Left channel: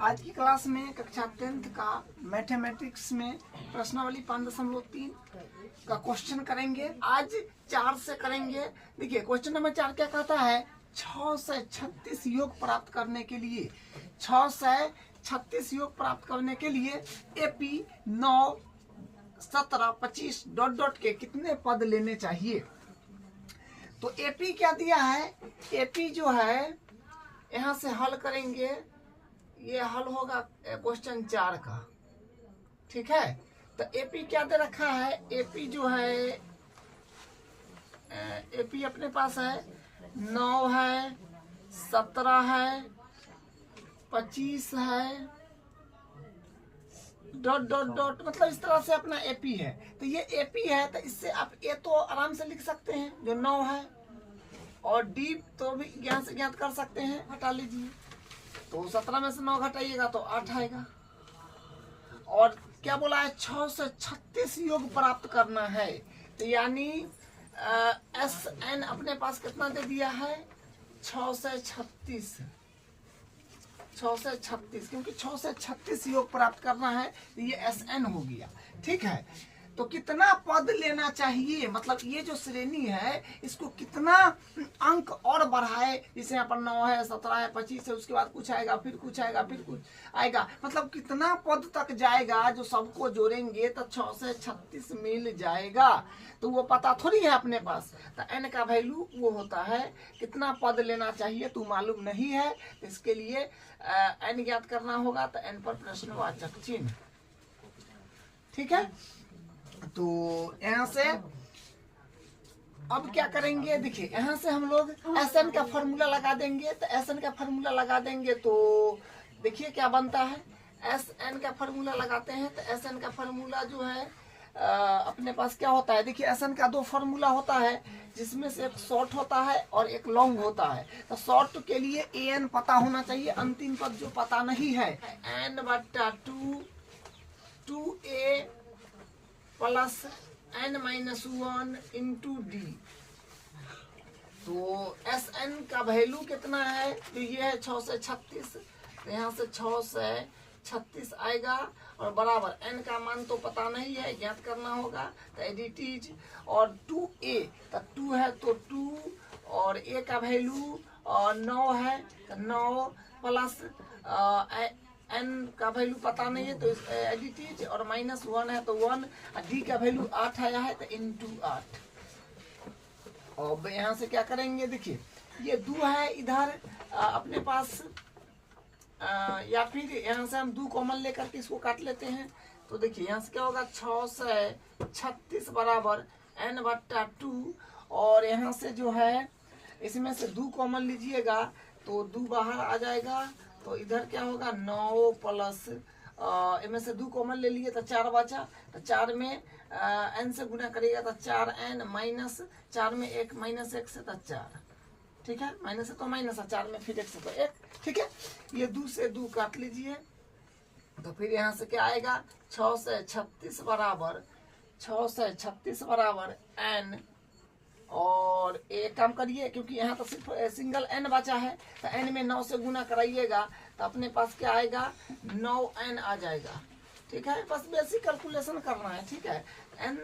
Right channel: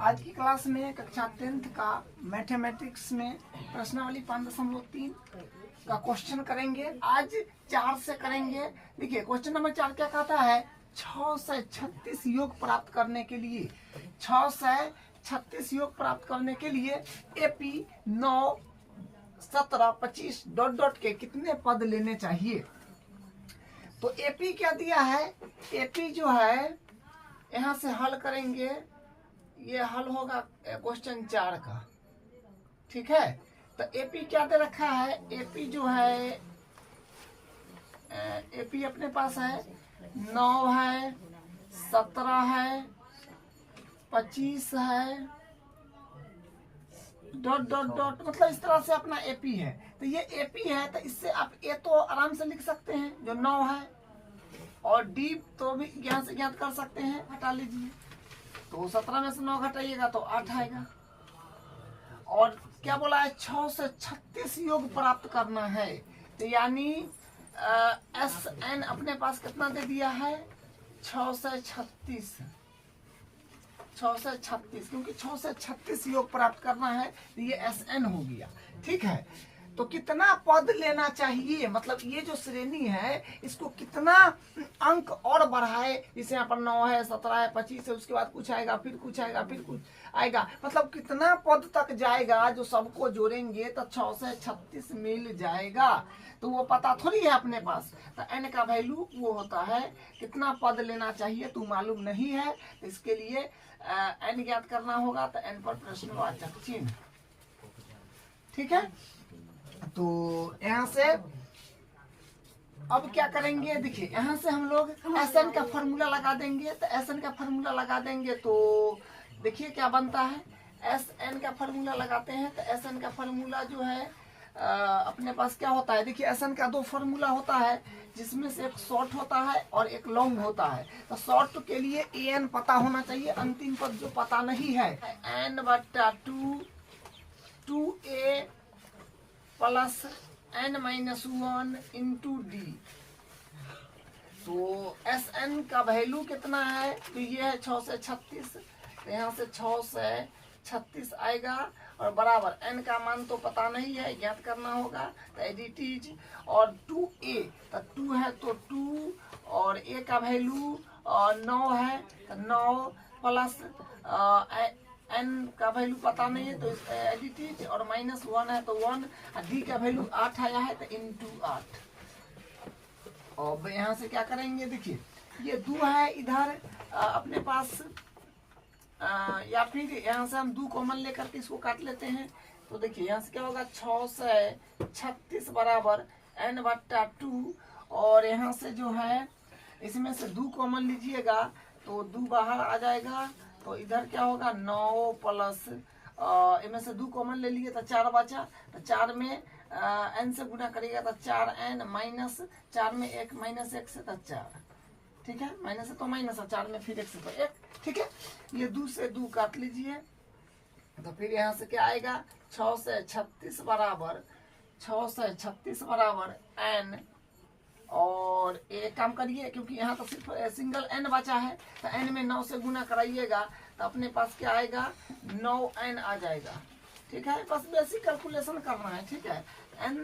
आज की क्लास में कक्षा 10th का मैथमेटिक्स में प्रश्नावली 5.3 का क्वेश्चन करेंगे। आज 4 से करेंगे। देखिए क्वेश्चन नंबर 4 क्या कहता है, 6 से 36 योग प्राप्त करने के लिए 6 से 36 योग प्राप्त करने के लिए एपी 9 17 25 डॉट डॉट के कितने पद लेने चाहिए। तो एपी क्या दिया है, एपी जो है यहाँ से हल करेंगे, ये हल होगा क्वेश्चन 4 का, ठीक है। तो एपी क्या दे रखा है, एपी जो है एपी अपने पास है 9 है, 17 है, 25 है, डॉट डॉट डॉट, मतलब इस तरह से अपना एपी है। तो ये एपी है, तो इससे आप ए तो आराम से लिख सकते हैं जो 9 है, और डी तो भी यहाँ से ज्ञात कर सकते हैं, हटा लीजिए। तो 17 में से 9 घटाइएगा तो 8 आएगा। और क्या बोला है, 6 से 36 योग प्राप्त करना है। तो यानी एस एन अपने पास कितना दे दिया है, 6 से 36, 6 से 36, क्योंकि 6 से 36 योग प्राप्त करना है तो ये एस एन हो गया, ठीक है। तो कितना पद लेना चाहिए, मतलब ये जो श्रेणी है इसको कितना अंक और बढ़ाए, जैसे यहाँ पर 9 है, 17 है, 25 है, उसके बाद कुछ आएगा, फिर कुछ आएगा, फिर कुछ आएगा, मतलब कितना पद तक जाएगा जो सबको जोड़ेंगे तो 6 से 36 मिल जाएगा। तो वो पता थोड़ी है अपने पास। तो एन का वैल्यू वो होता है, कितना पद लेना चाहिए तो मालूम नहीं है, तो इसके लिए एन ज्ञात करना होगा। तो एन पर प्रश्नवाचक चिन्ह, ठीक है। तो यहाँ से अब क्या करेंगे, देखिए यहाँ से हम लोग एस एन का फॉर्मूला लगा देंगे। तो एस एन का फॉर्मूला लगा देंगे तो देखिए क्या बनता है, एस एन का फॉर्मूला लगाते हैं। तो एस एन का फॉर्मूला जो है अपने पास क्या होता है, देखिए एस एन का 2 फॉर्मूला होता है, जिसमें से एक शॉर्ट होता है और एक लॉन्ग होता है। तो शॉर्ट के लिए ए एन पता होना चाहिए, अंतिम पद जो पता नहीं है, एन बट्टा 2 a plus n minus 1 into d. तो एस एन का वैल्यू कितना है, तो ये है 6 से 36। तो यहाँ से 6 से 36 आएगा, और बराबर n का मान तो पता नहीं है, ज्ञात करना होगा। तो एडिटीज और 2a, तो 2 है तो 2, और a का वैल्यू 9 है, तो 9 प्लस n का वैल्यू पता नहीं है तो एडिटीज, और -1 है तो 1, डी का वैल्यू 8 आया है तो इंटू 8। और यहाँ से क्या करेंगे, देखिए ये 2 है इधर अपने पास, या फिर यहाँ से हम 2 कॉमन लेकर के इसको काट लेते हैं। तो देखिए यहाँ से क्या होगा, 6 से 36 बराबर n बट्टा 2, और यहाँ से जो है इसमें से 2 कॉमन लीजिएगा तो 2 बाहर आ जाएगा। तो इधर क्या होगा, 9 प्लस इनमें से 2 कॉमन ले लिए तो 4 बचा। तो 4 में n से गुना करिएगा तो 4n, माइनस 4 में 1 माइनस 1 से तो 4, ठीक है। माइनस है तो माइनस है, 4 में फिर 1 से तो 1, ठीक है। ये 2 से 2 काट लीजिए। तो फिर यहाँ से क्या आएगा, 6 से 36 बराबर, 6 से 36 बराबर n, और एक काम करिए क्योंकि यहाँ तो सिर्फ सिंगल n बचा है, तो n में 9 से गुना कराइएगा तो अपने पास क्या आएगा, 9n आ जाएगा, ठीक है। बस बेसिक कैलकुलेशन करना है, ठीक है। n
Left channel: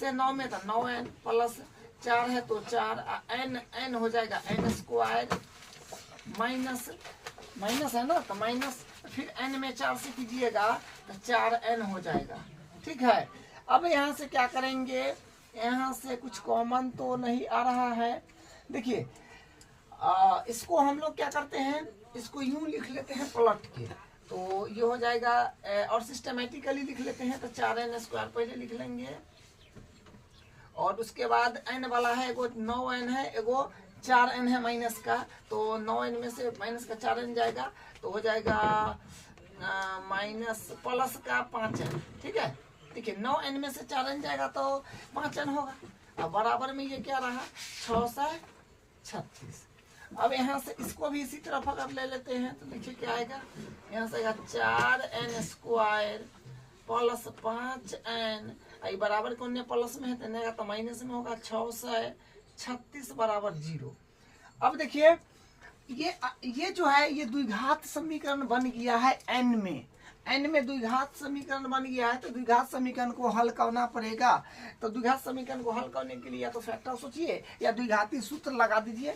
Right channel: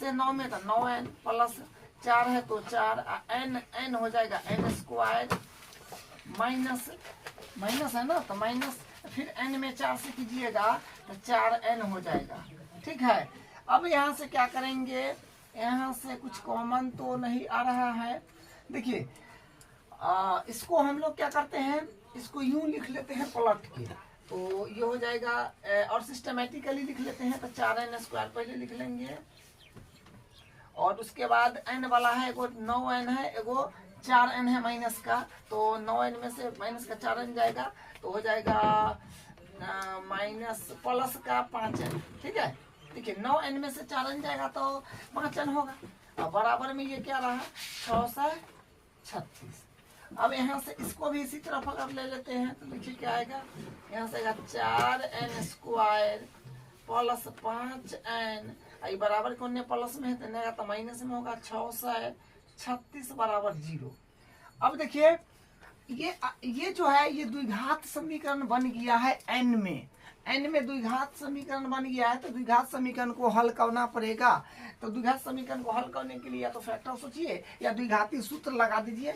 से 9 में तो 9n प्लस 4 है तो 4, n हो जाएगा n स्क्वायर, माइनस माइनस है ना, तो माइनस फिर n में 4 से कीजिएगा तो 4n हो जाएगा, ठीक है। अब यहाँ से क्या करेंगे, यहाँ से कुछ कॉमन तो नहीं आ रहा है। देखिए इसको हम लोग क्या करते हैं, इसको यूं लिख लेते हैं पलट के, तो ये हो जाएगा, और सिस्टमेटिकली लिख लेते हैं। तो 4n स्क्वायर पहले लिख लेंगे, और उसके बाद n वाला है, एगो 9n है, एगो 4n है माइनस का। तो 9n में से माइनस का 4n जाएगा तो हो जाएगा माइनस प्लस का 5n, ठीक है। देखिए 9n में से 4n जाएगा तो 5n होगा। अब बराबर में ये क्या रहा, 6 से 36। अब यहाँ से इसको भी इसी तरफ अगर ले लेते हैं तो देखिए क्या आएगा, यहाँ से आएगा 4n स्क्वायर प्लस 5n, बराबर कौन ने प्लस में है तो माइनस में होगा, 6 से 36 बराबर 0। अब देखिए ये जो है ये द्विघात समीकरण बन गया है n में। n में द्विघात समीकरण बन गया है, तो द्विघात समीकरण को हल करना पड़ेगा। तो द्विघात समीकरण को हल करने के लिए या तो फैक्टर सोचिए या द्विघाती सूत्र लगा दीजिए।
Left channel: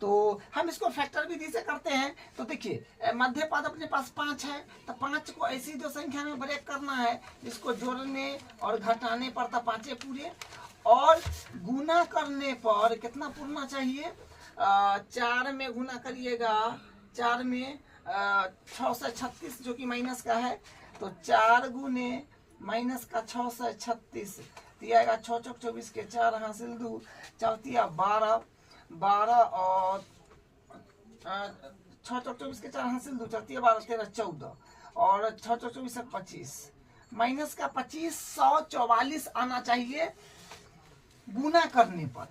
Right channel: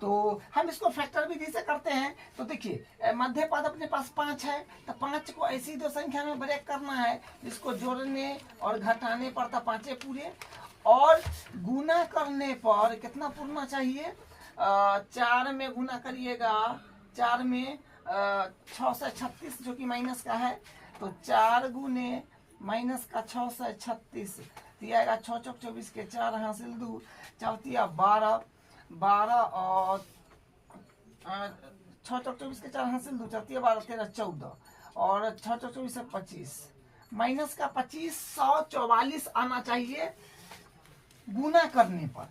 तो हम इसको फैक्टर विधि से करते हैं। तो देखिए मध्य पद अपने पास 5 है, तो 5 को ऐसी दो संख्या में ब्रेक करना है जिसको जोड़ने और घटाने पर था 5 पूरे, और गुना करने पर कितना पूरना चाहिए, 4 में गुना करिएगा, 4 में 6 से 36 जो कि माइनस का है, तो 4 गुने माइनस का 6 से 36 दिया 6 चौक 24 के 4 हासिल 2 चौथिया 12 और 6 चौक 24 के 4 हासिल 2 चौथिया 12 13 14 और 6 चौक 24 से 25 माइनस का 2544 आना चाहिए गुना करने पर।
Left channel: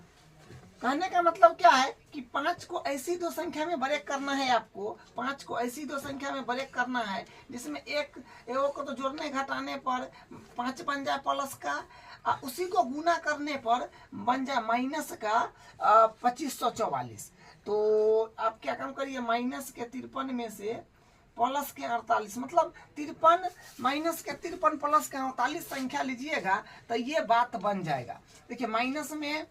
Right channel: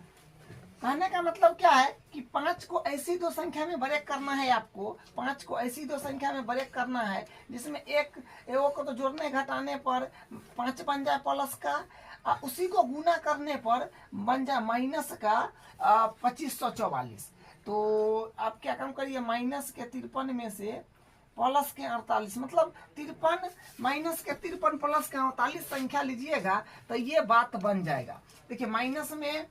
कहने का मतलब क्या है कि 5 को ऐसी दो संख्या में ब्रेक करना है आपको, 5 को ऐसी दो संख्या में ब्रेक करना है जिसमें एक को तो जोड़ने घटाने पर 5 बन जाए प्लस का, उसी को गुना करने पर बन जाए माइनस का 2544। तो आप क्या काम करिए, माइनस के 53 में से प्लस के 48, मतलब 53 माइनस के 53 प्लस के 48 संख्या लीजिएगा तो ये बात बन जाएगा। देखिए माइनस में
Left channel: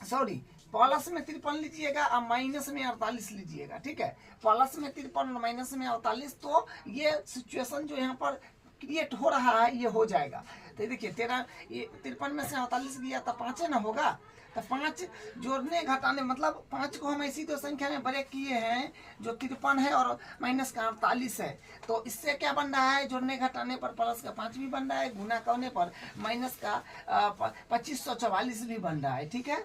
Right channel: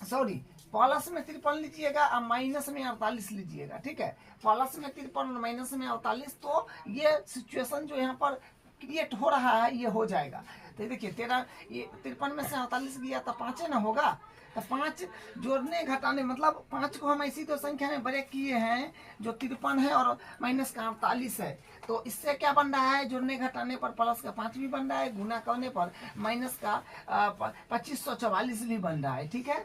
प्लस में 53 लीजिएगा और माइनस में 48 लीजिएगा, ठीक है। प्लस में 53 और माइनस में 48, तो ये सिचुएशन जो यहाँ पर क्रिएट हो रहा है ये हो जाएगा। तो देखिए 53 में से 48 गया तो 5 ना होगा, तो 5 जोड़ने घटाने मतलब 5 को हम ऐसी दो संख्या में ब्रेक किए हैं जो 53 है और माइनस का 48 है। तो इससे क्या बन रहा है, जोड़ने घटाने पर प्लस का 5 भी बन रहा है, गुना करने पर माइनस का 2544 भी बन रहा है, ठीक है।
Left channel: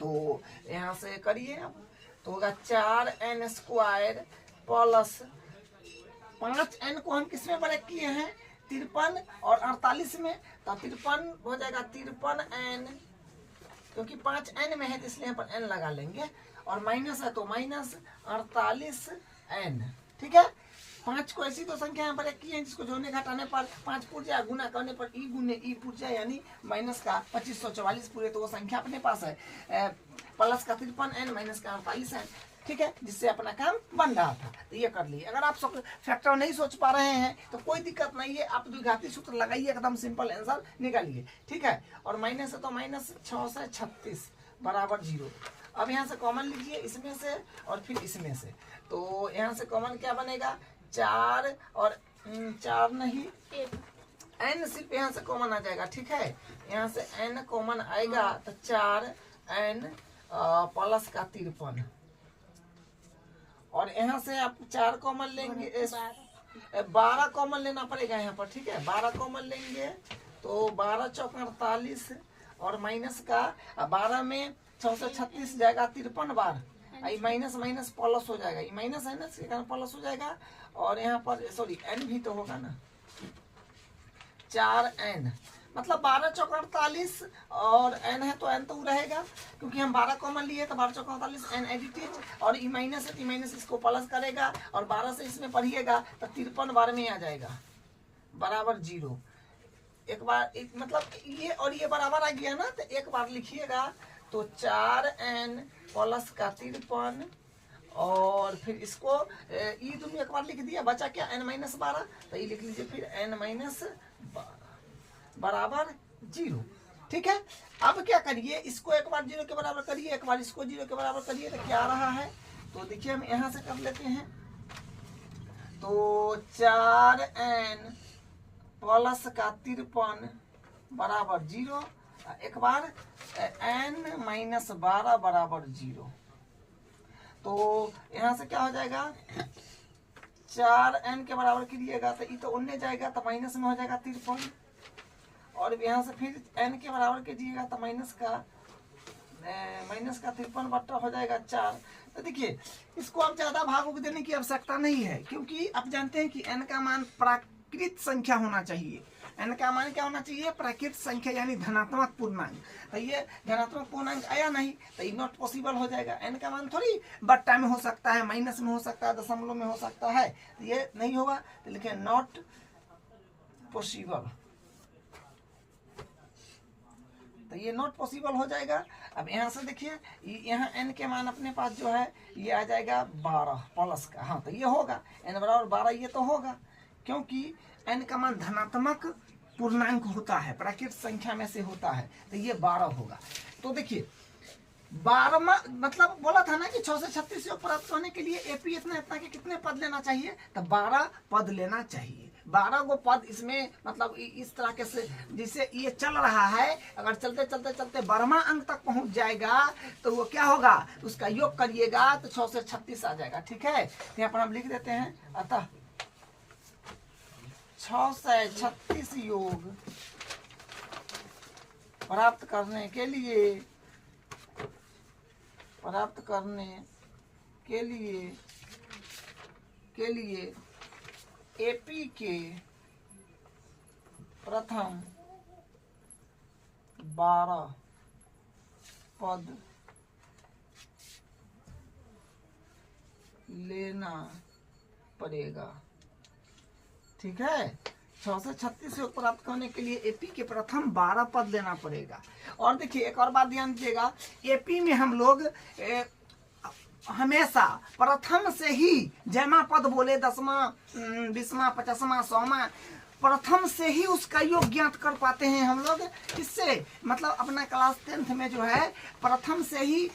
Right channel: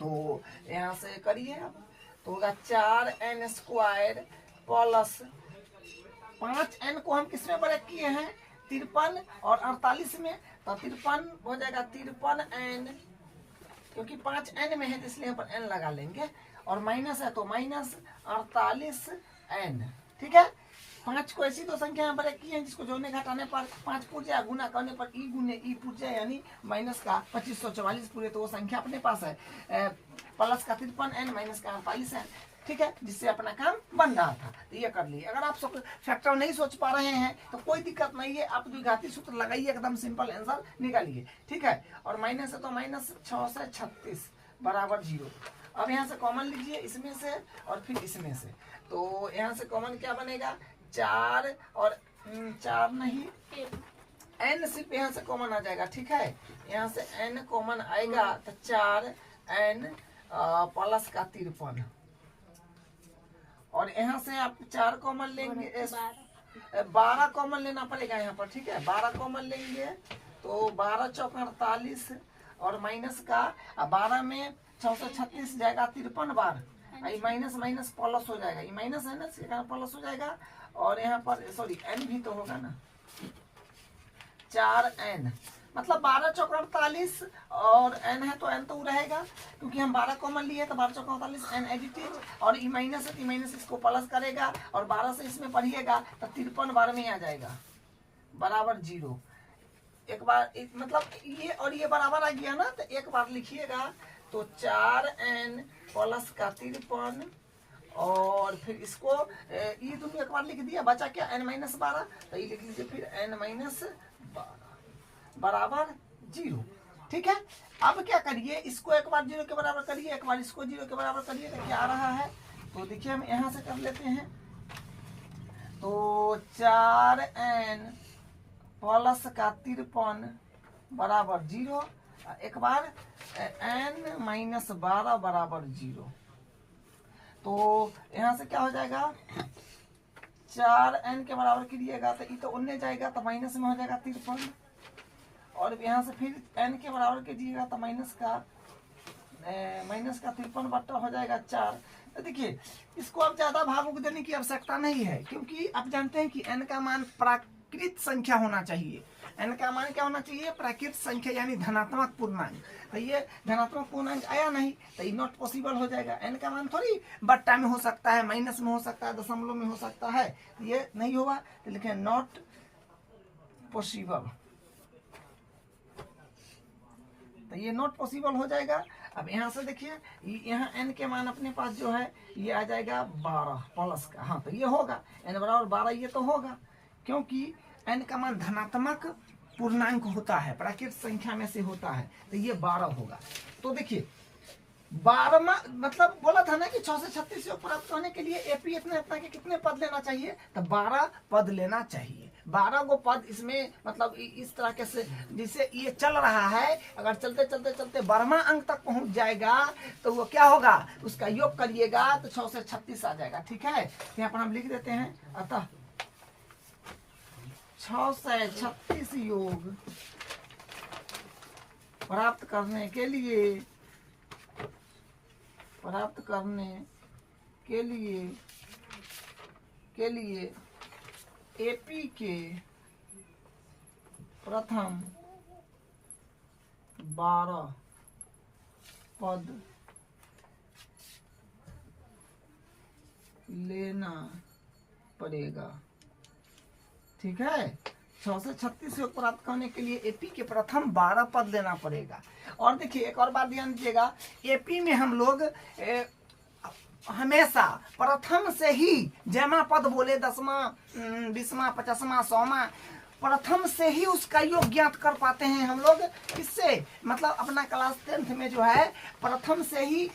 तो यहाँ से करिए आप, तो होगा 4n स्क्वायर प्लस 5n को हम किस में ब्रेक किए हैं, 53 और 48 में, तो 53 हो जाएगा 53n, क्योंकि 5n में है तो इसलिए यहाँ पर n लगा लेंगे, और माइनस है तो माइनस 48n, ठीक है। 5 को ऐसी दो संख्या यहाँ ब्रेक किए हैं जिसको जोड़ने घटाने पर 5 पूर जाए, गुना करने पर ई गुने ई पूर जाए, यानी माइनस का 2544 पूरे, तो वो संख्या अपने पास है प्लस का 53n माइनस का 48n, ठीक है, जिससे अपना काम बन रहा था। तो ये कर लिए। अगर आप फैक्टर नहीं सोच पा रहे हैं तो कोई दिक्कत नहीं है, आप द्विघाती सूत्र लगाइए, एकदम सिंपल आंसर निकालिए, ठीक है। और माइनस है तो माइनस 6 से 36 बराबर 0। अब यहाँ से कॉमन लीजिए इसमें से और फिर इसमें से, तो यहाँ से कॉमन क्या बनेगा, 4 और 4 नहीं n सिर्फ यहाँ से कॉमन आ जाएगा, ठीक है। यहाँ से n कॉमन आएगा तो 4n प्लस का 53, और यहाँ से आप 4 कॉमन लेंगे, 12 कॉमन लेना पड़ेगा यहाँ पर, ठीक है। 12 कॉमन लेंगे तो 12 चौक 48 और माइनस का 12 में 6 से 36 जाएगा 53 बार, माइनस माइनस प्लस हो जाएगा, ये माइनस है ना, इसके कारण प्लस हो जाएगा। और यहाँ पर सॉरी n भी तो होगा ना, 4n मतलब 12 चौक 48 और n है तो n तो रहेगा, क्योंकि हम 12 कॉमन लिए तो 12 चौक 48 n एडिटेड, और ई माइनस है तो ई माइनस इसको प्लस करेगा, और 12 से इसमें पढ़िएगा तो 53 बार में आ जाएगा बराबर 0। एक बार मतलब ये और ये बराबर आ गया ना, तो एक बार लिखिएगा, तो 4n प्लस का 53 और फिर इसको ई दोनों एक बार लिख दिया, बचा क्या n माइनस 12, तो ये लिख लीजिए फिर n माइनस 12 बराबर 0, ठीक है। अब क्या करिए, इसको एक बार 0 के बराबर करिए, एक बार इसको 0 के बराबर करिए, तो क्या आ रहा है, तो देखिए हम यहाँ से कर लेते हैं, तो 4n प्लस का 53 बराबर 0, एक बार n माइनस 12 बराबर 0, तो यहाँ से क्या हो जाएगा, 4n के बराबर करिएगा तो ये तो उन्ने जाएगा तो माइनस में हो जाएगा 53, और यहाँ से फिर n के बराबर कीजिएगा तो माइनस का 53 बट्टा हो जाएगा 4। तो देखिए इसको आप ज्यादा भागों देने की आवश्यकता नहीं है, क्योंकि आप जानते हैं कि n का मान प्राकृत संख्या होना चाहिए। n का मान क्या होना चाहिए, प्राकृत संख्या यानी धनात्मक पूर्णांक। तो ये धनात्मक पूर्णांक आया नहीं तो ये नॉट पॉसिबल हो जाएगा। n का मान थोड़ी बट्टा में हो सकता है, माइनस में हो सकता है, दशमलव में हो सकता है, तो ये नहीं होगा, तो लिखे नॉट पॉसिबल। तो ये नॉट पॉसिबल हो जाएगा। अब यहाँ से देखिए यहाँ n के मान अपने पास जो है ये आ जाएगा 12 प्लस का, हाँ तो ये होगा n बराबर 12, ये तो होगा क्योंकि n का मान धनात्मक पूर्णांक होता है, प्राकृत संख्या में से होता है, तो ये 12 होगा। तो देखिए 12 मतलब बोला था ना कि 6 से 36 योग प्राप्त होने के लिए एपी इतना इतना के कितने पद लेना चाहिए, तो 12 पद लेना चाहिए। 12 गो पद इसमें मतलब इस तरह के से जिससे ये चल रहा है, अगर चलते चलते चलते 12वां अंक तक पहुंच जाएगा तो वो क्या होगा, उसका योग करिएगा तो 6 से 36 आ जाएगा। ठीक है, यहाँ पर हम लिख देते हैं, अतः 6 से 36 योग प्राप्त करने के लिए एपी के प्रथम 12 पद लेना पड़ेगा। ठीक है, 6 से 36 योग प्राप्त करने के लिए एपी के प्रथम 12 पद लेना पड़ेगा। और देखिए एक और बात ध्यान दीजिएगा, एपी में हम लोग हमेशा प्रथम से ही जमा पद बोले 10वां 20वां 50वां 100वां प्रथम से ही उसका योग ज्ञात कर पाते हैं हम लोग। इससे मतलब अपना क्लास 10th में जो है प्रथम से ही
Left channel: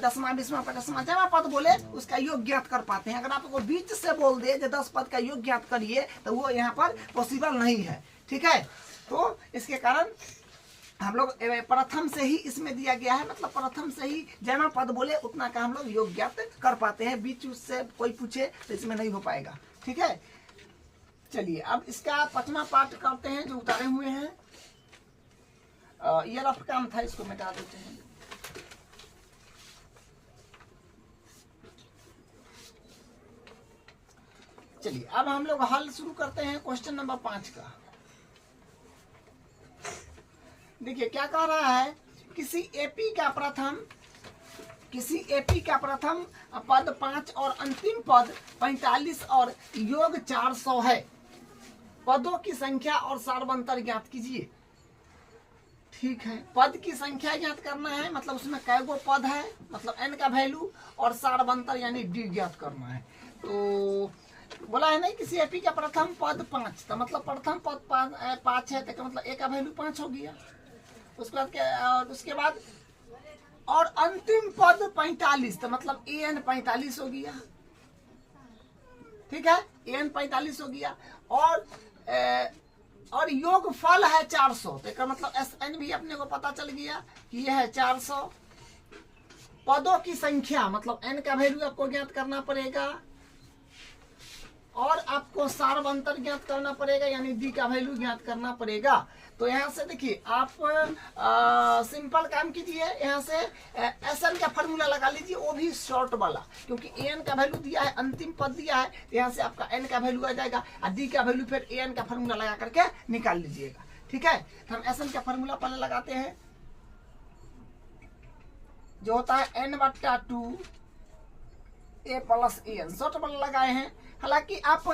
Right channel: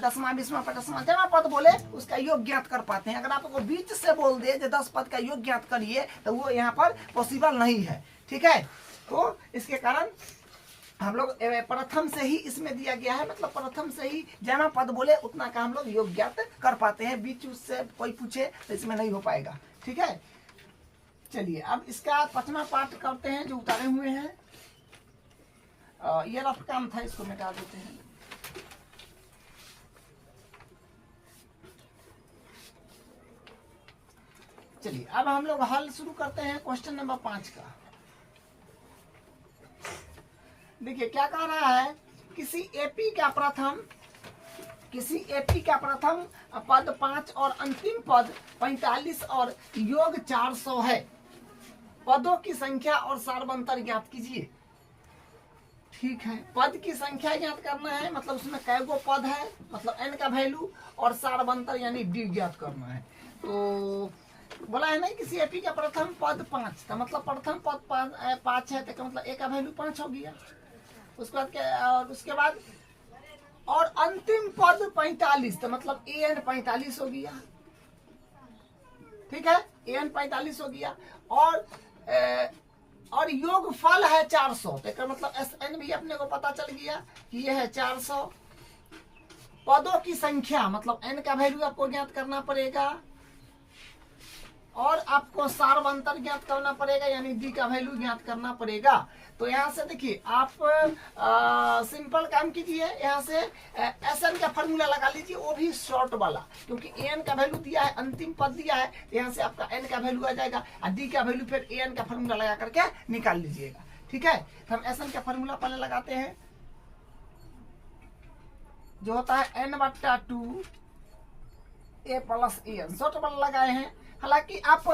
10वां 20वां 50वां जमा पद बोले उसका योग ज्ञात कर पाते हैं। अगर आपको बीच से बोल दे जो 10 पद का योग ज्ञात करिए तो वो यहाँ पर पॉसिबल नहीं है। ठीक है, तो इसके कारण हम लोग प्रथम से ही इसमें दिया गया है, मतलब प्रथम से ही जमा पद बोले उतना का हम लोग योग ज्ञात कर पाते हैं। बीच उससे कोई पूछे तो इसमें नहीं हो पाएगा। ठीक है, चलिए अब इसका 5वां पार्ट करते हैं जो उतारे हुए हैं। ये रफ काम था, इसको मिटा देते हैं। चलिए अब हम लोग हल शुरू करते हैं क्वेश्चन नंबर 5 का। देखिए क्या कह रहा है, किसी एपी का प्रथम पद 5 और अंतिम पद 45 और योग 400 है। पदों की संख्या और सार्वंतर ज्ञात कीजिए। ठीक है, पद की संख्या ज्ञात करना है, मतलब उसमें कै गो पद है, मतलब n का वैल्यू, और सार्वंतर यानी d ज्ञात करना है। तो बोला है ना किसी एपी का प्रथम पद 5, तो मतलब प्रथम पद 5 है तो मतलब a का वैल्यू 5 हो गया। उसके बाद और अंतिम पद 45, तो मतलब an 45 हो गया। ठीक है, an 45 हो गया और योग फल है 400, तो इसका मतलब SN भी अपने को पता चल गया कि यह है 400। पदों की संख्या मतलब n का वैल्यू आपको ज्ञात करना पड़ेगा और आपको सार्वंतर ज्ञात करना पड़ेगा, यानी d का वैल्यू ज्ञात करना पड़ेगा। तो यहाँ से देखिए आप सिंपल काम कीजिए, यहाँ से SN का फॉर्मूला लगा लीजिए, वो भी शॉर्ट वाला, क्योंकि an का वैल्यू दिया है, अंतिम पद दिया है, यहाँ से आपका n का वैल्यू आ जाएगा और d का वैल्यू फिर an का फॉर्मूला लगा करके निकाल लीजिएगा। ठीक है, तो हम SN का फॉर्मूला पहले लगाते हैं, जो होता है n/2 a plus an, short वाला लगाए हैं। हालांकि आप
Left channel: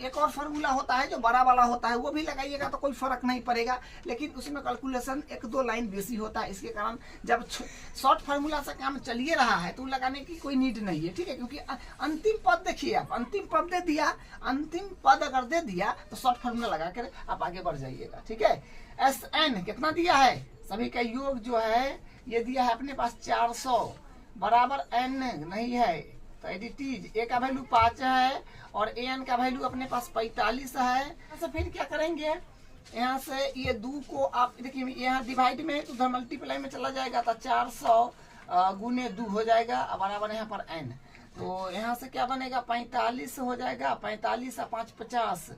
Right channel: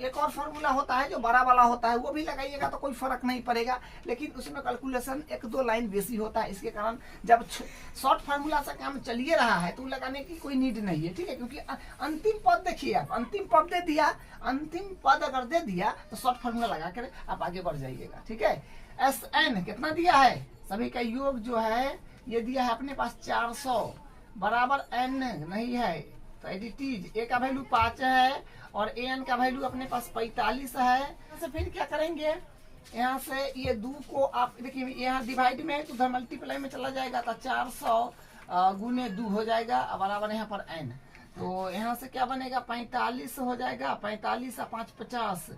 एक और फार्मूला होता है जो बड़ा वाला होता है, वो भी लगाइएगा तो कोई फर्क नहीं पड़ेगा, लेकिन उसमें कैलकुलेशन 1-2 लाइन बेसी होता है। इसके कारण जब शॉर्ट फार्मूला से काम चलिए रहा है तो लगाने की कोई नीड नहीं है। ठीक है, क्योंकि अंतिम पद देखिए, आप अंतिम पद दे दिया, अंतिम पद अगर दे दिया तो शॉर्ट फार्मूला लगा कर आप आगे बढ़ जाइएगा। ठीक है, SN कितना दिया है, सभी का योग जो है ये दिया है अपने पास 400 बराबर n नहीं है, तो एडिटीज a का वैल्यू 5 है और an का वैल्यू अपने पास 45 है। तो फिर क्या करेंगे, यहाँ से ये 2 को आप देखिए, यहाँ डिवाइड में है तो उधर मल्टीप्लाई में चला जाएगा, तो 400 गुने 2 हो जाएगा बराबर यहाँ पर n। तो यहाँ से क्या बनेगा, 45 हो जाएगा, 45 और 5 50,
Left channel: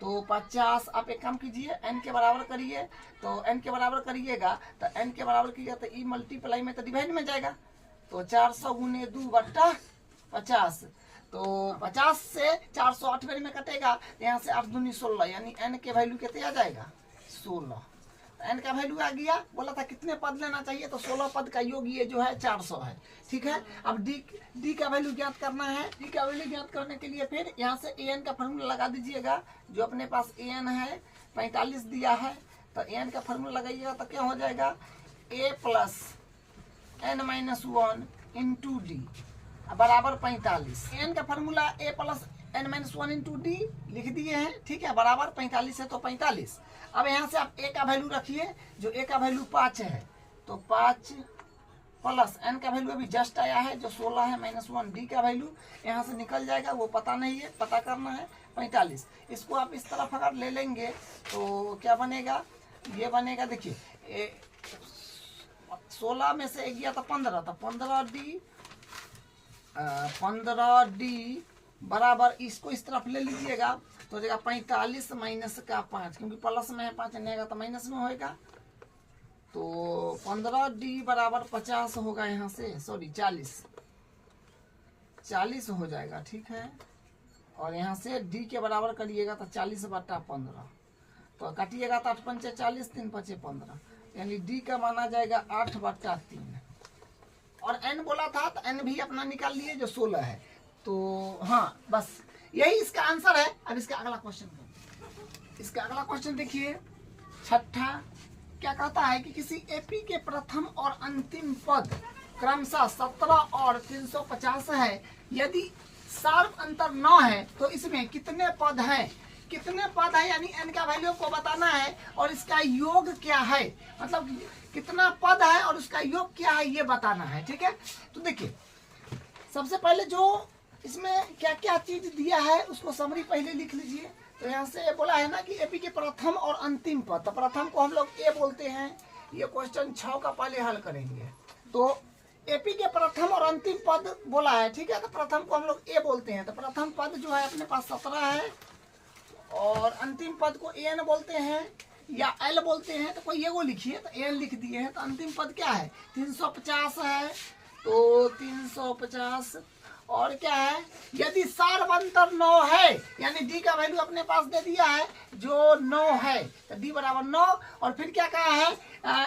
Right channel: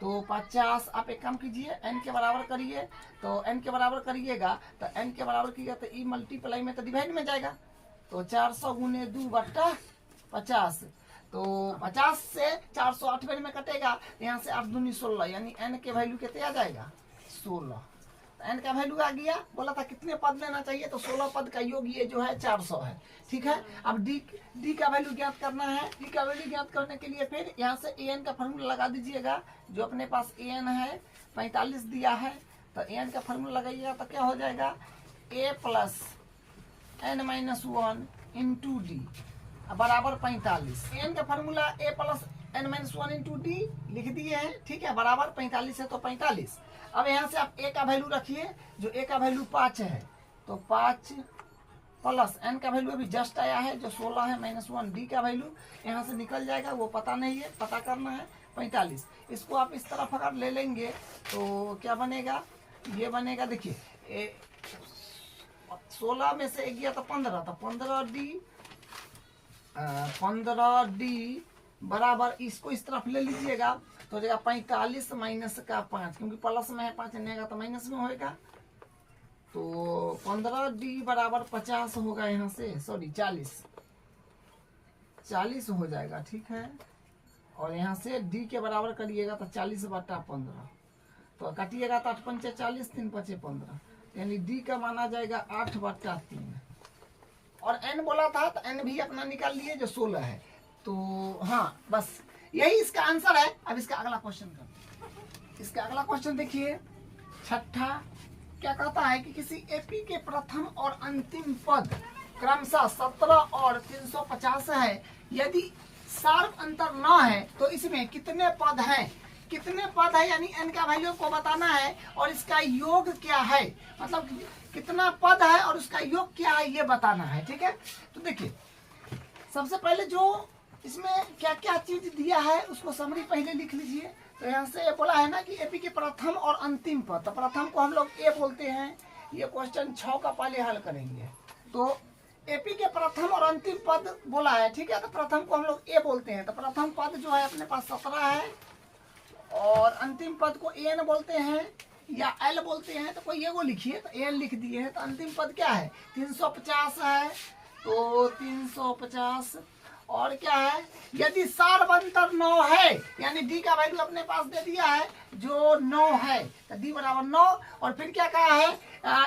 तो 50। आप एक काम कीजिए, n के बराबर करिए, तो n के बराबर करिएगा तो n के बराबर कीजिएगा तो ई मल्टीप्लाई में तो डिवाइड में जाएगा, तो 400 गुने 2 बट्टा 50, तो 50 से 400 8 बार में कटेगा, यहाँ से 8 दूनी 16, यानी n के वैल्यू कितने आ जाएगा 16। तो n का वैल्यू आ गया, बोला था कितने पद लेना चाहिए, तो 16 पद का योग ये जो है 400 है। ठीक है, अब d का वैल्यू ज्ञात करना है। d का वैल्यू ज्ञात करने के लिए फिर यहाँ से an का फॉर्मूला लगा दीजिएगा, जो अपने पास an है 45 दिया है, तो an का फॉर्मूला लगाइएगा तो क्या हो जाएगा, a plus n minus one into d बराबर 45। एन का formula a plus n minus one into d लिख दिए हैं, ठीक है, बराबर 45 है तो 45। अब यहाँ से आप ए का वैल्यू रखिए, जो ए का वैल्यू 5 है तो 5 प्लस एन का वैल्यू अभी जस्ट आया है जो 16 है माइनस वन, डी का वैल्यू यहाँ से निकल जाएगा, वो पता नहीं है, पता करना है 45। इसको आप इस तरफ अगर ले लेंगे तो क्या बनेगा, ये बनेगा, देखिए 16 में से गया तो 15, तो 15 डी बराबर, इसको इस तरफ ले लीजिएगा तो हो जाएगा 45 माइनस का 5, क्योंकि प्लस में है 5 नहीं आएगा तो माइनस में होएगा, तो 15 डी बराबर 50 होगा, यहाँ से सॉरी 40 हो जाएगा, ठीक है। और यहाँ से डी के बराबर करिएगा तो 40/15, तो काटिएगा तो 8 पंचे 40, 3 पंचे 15, यानी डी का माना जाएगा 8/3। और एन बोला था तो एन भी अपना निकाल लिए जो 16 है, तो हाँ बस यही इसका आंसर है। अब इसका अगला क्वेश्चन करते हैं। इसका अगला क्वेश्चन देखिए, छठा क्या कहता है कि किसी एपी के प्रथम और अंतिम पद क्रमशः 17 और 350 है, यदि शार्प अंतर 9 है तो इसमें कितने पद हैं, कितने पद है, यानी एन का वैल्यू को बताना है और इसका योग क्या है, मतलब कितना पद है और उसका योग क्या है ये बताना है, ठीक है। तो देखिए सबसे पहले जो इसमें क्या क्या चीज दिया है उसको समरी पहले लिख लीजिए। तो यहाँ से बोला है ना कि एपी के प्रथम और अंतिम पद, तो प्रथम को हम लोग ए बोलते हैं, ये क्वेश्चन 6 का पहले हल करेंगे। तो एपी के प्रथम और अंतिम पद बोला है, ठीक है, तो प्रथम को हम लोग ए बोलते हैं, तो प्रथम पद जो है अपने पास 17 है और अंतिम पद को एन बोलते हैं या एल बोलते हैं, तो कोई ये वो लिखिए, तो एन लिख दिए हैं। तो अंतिम पद क्या है 350 है, तो 350 और क्या है, यदि सार्वंतर 9 है, यानी डी का वैल्यू अपने पास दे दिया है जो 9 है, तो डी बराबर 9। और फिर क्या कहा है,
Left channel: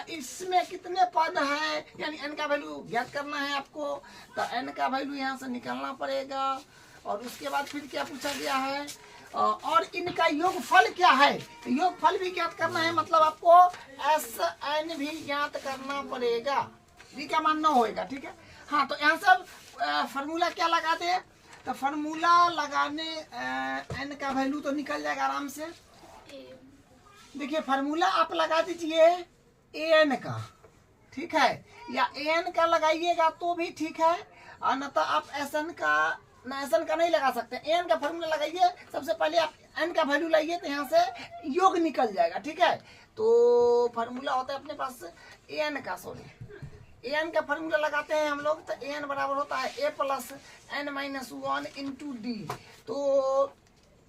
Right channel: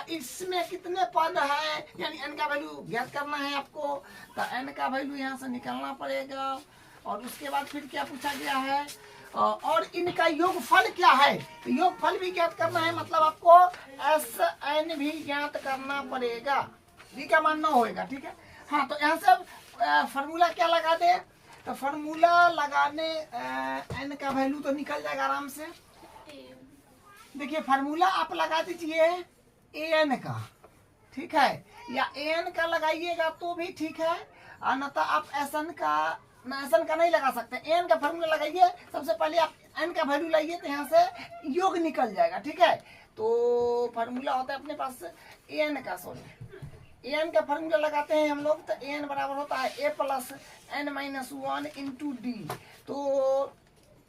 इसमें कितने पद है, यानी एन का वैल्यू ज्ञात करना है आपको, तो एन का वैल्यू यहाँ से निकालना पड़ेगा। और उसके बाद फिर क्या पूछा गया है, और इनका योगफल क्या है, तो योगफल भी ज्ञात करना है, मतलब आपको एस एन भी ज्ञात करना पड़ेगा, डी का मान 9 होएगा, ठीक है। हाँ, तो यहाँ से फार्मूला क्या लगा दे, तो फार्मूला लगाने एन का वैल्यू तो निकल जाएगा आराम से। देखिए फार्मूला आप लगा दीजिए एन का, ठीक है, या एन का लगाइएगा तो भी ठीक है, और न तो आप एसएन का नहीं लगा सकते, एन का फार्मूला लगाइए। सबसे पहले आप एन का वैल्यू लाइए तो यहाँ से योग निकल जाएगा, ठीक है। तो फार्मूला होता है अपने पास एन का, सॉरी एन का फार्मूला लगाते हैं हम लोग, तो एन बराबर होता है a plus n minus 1 into d. तो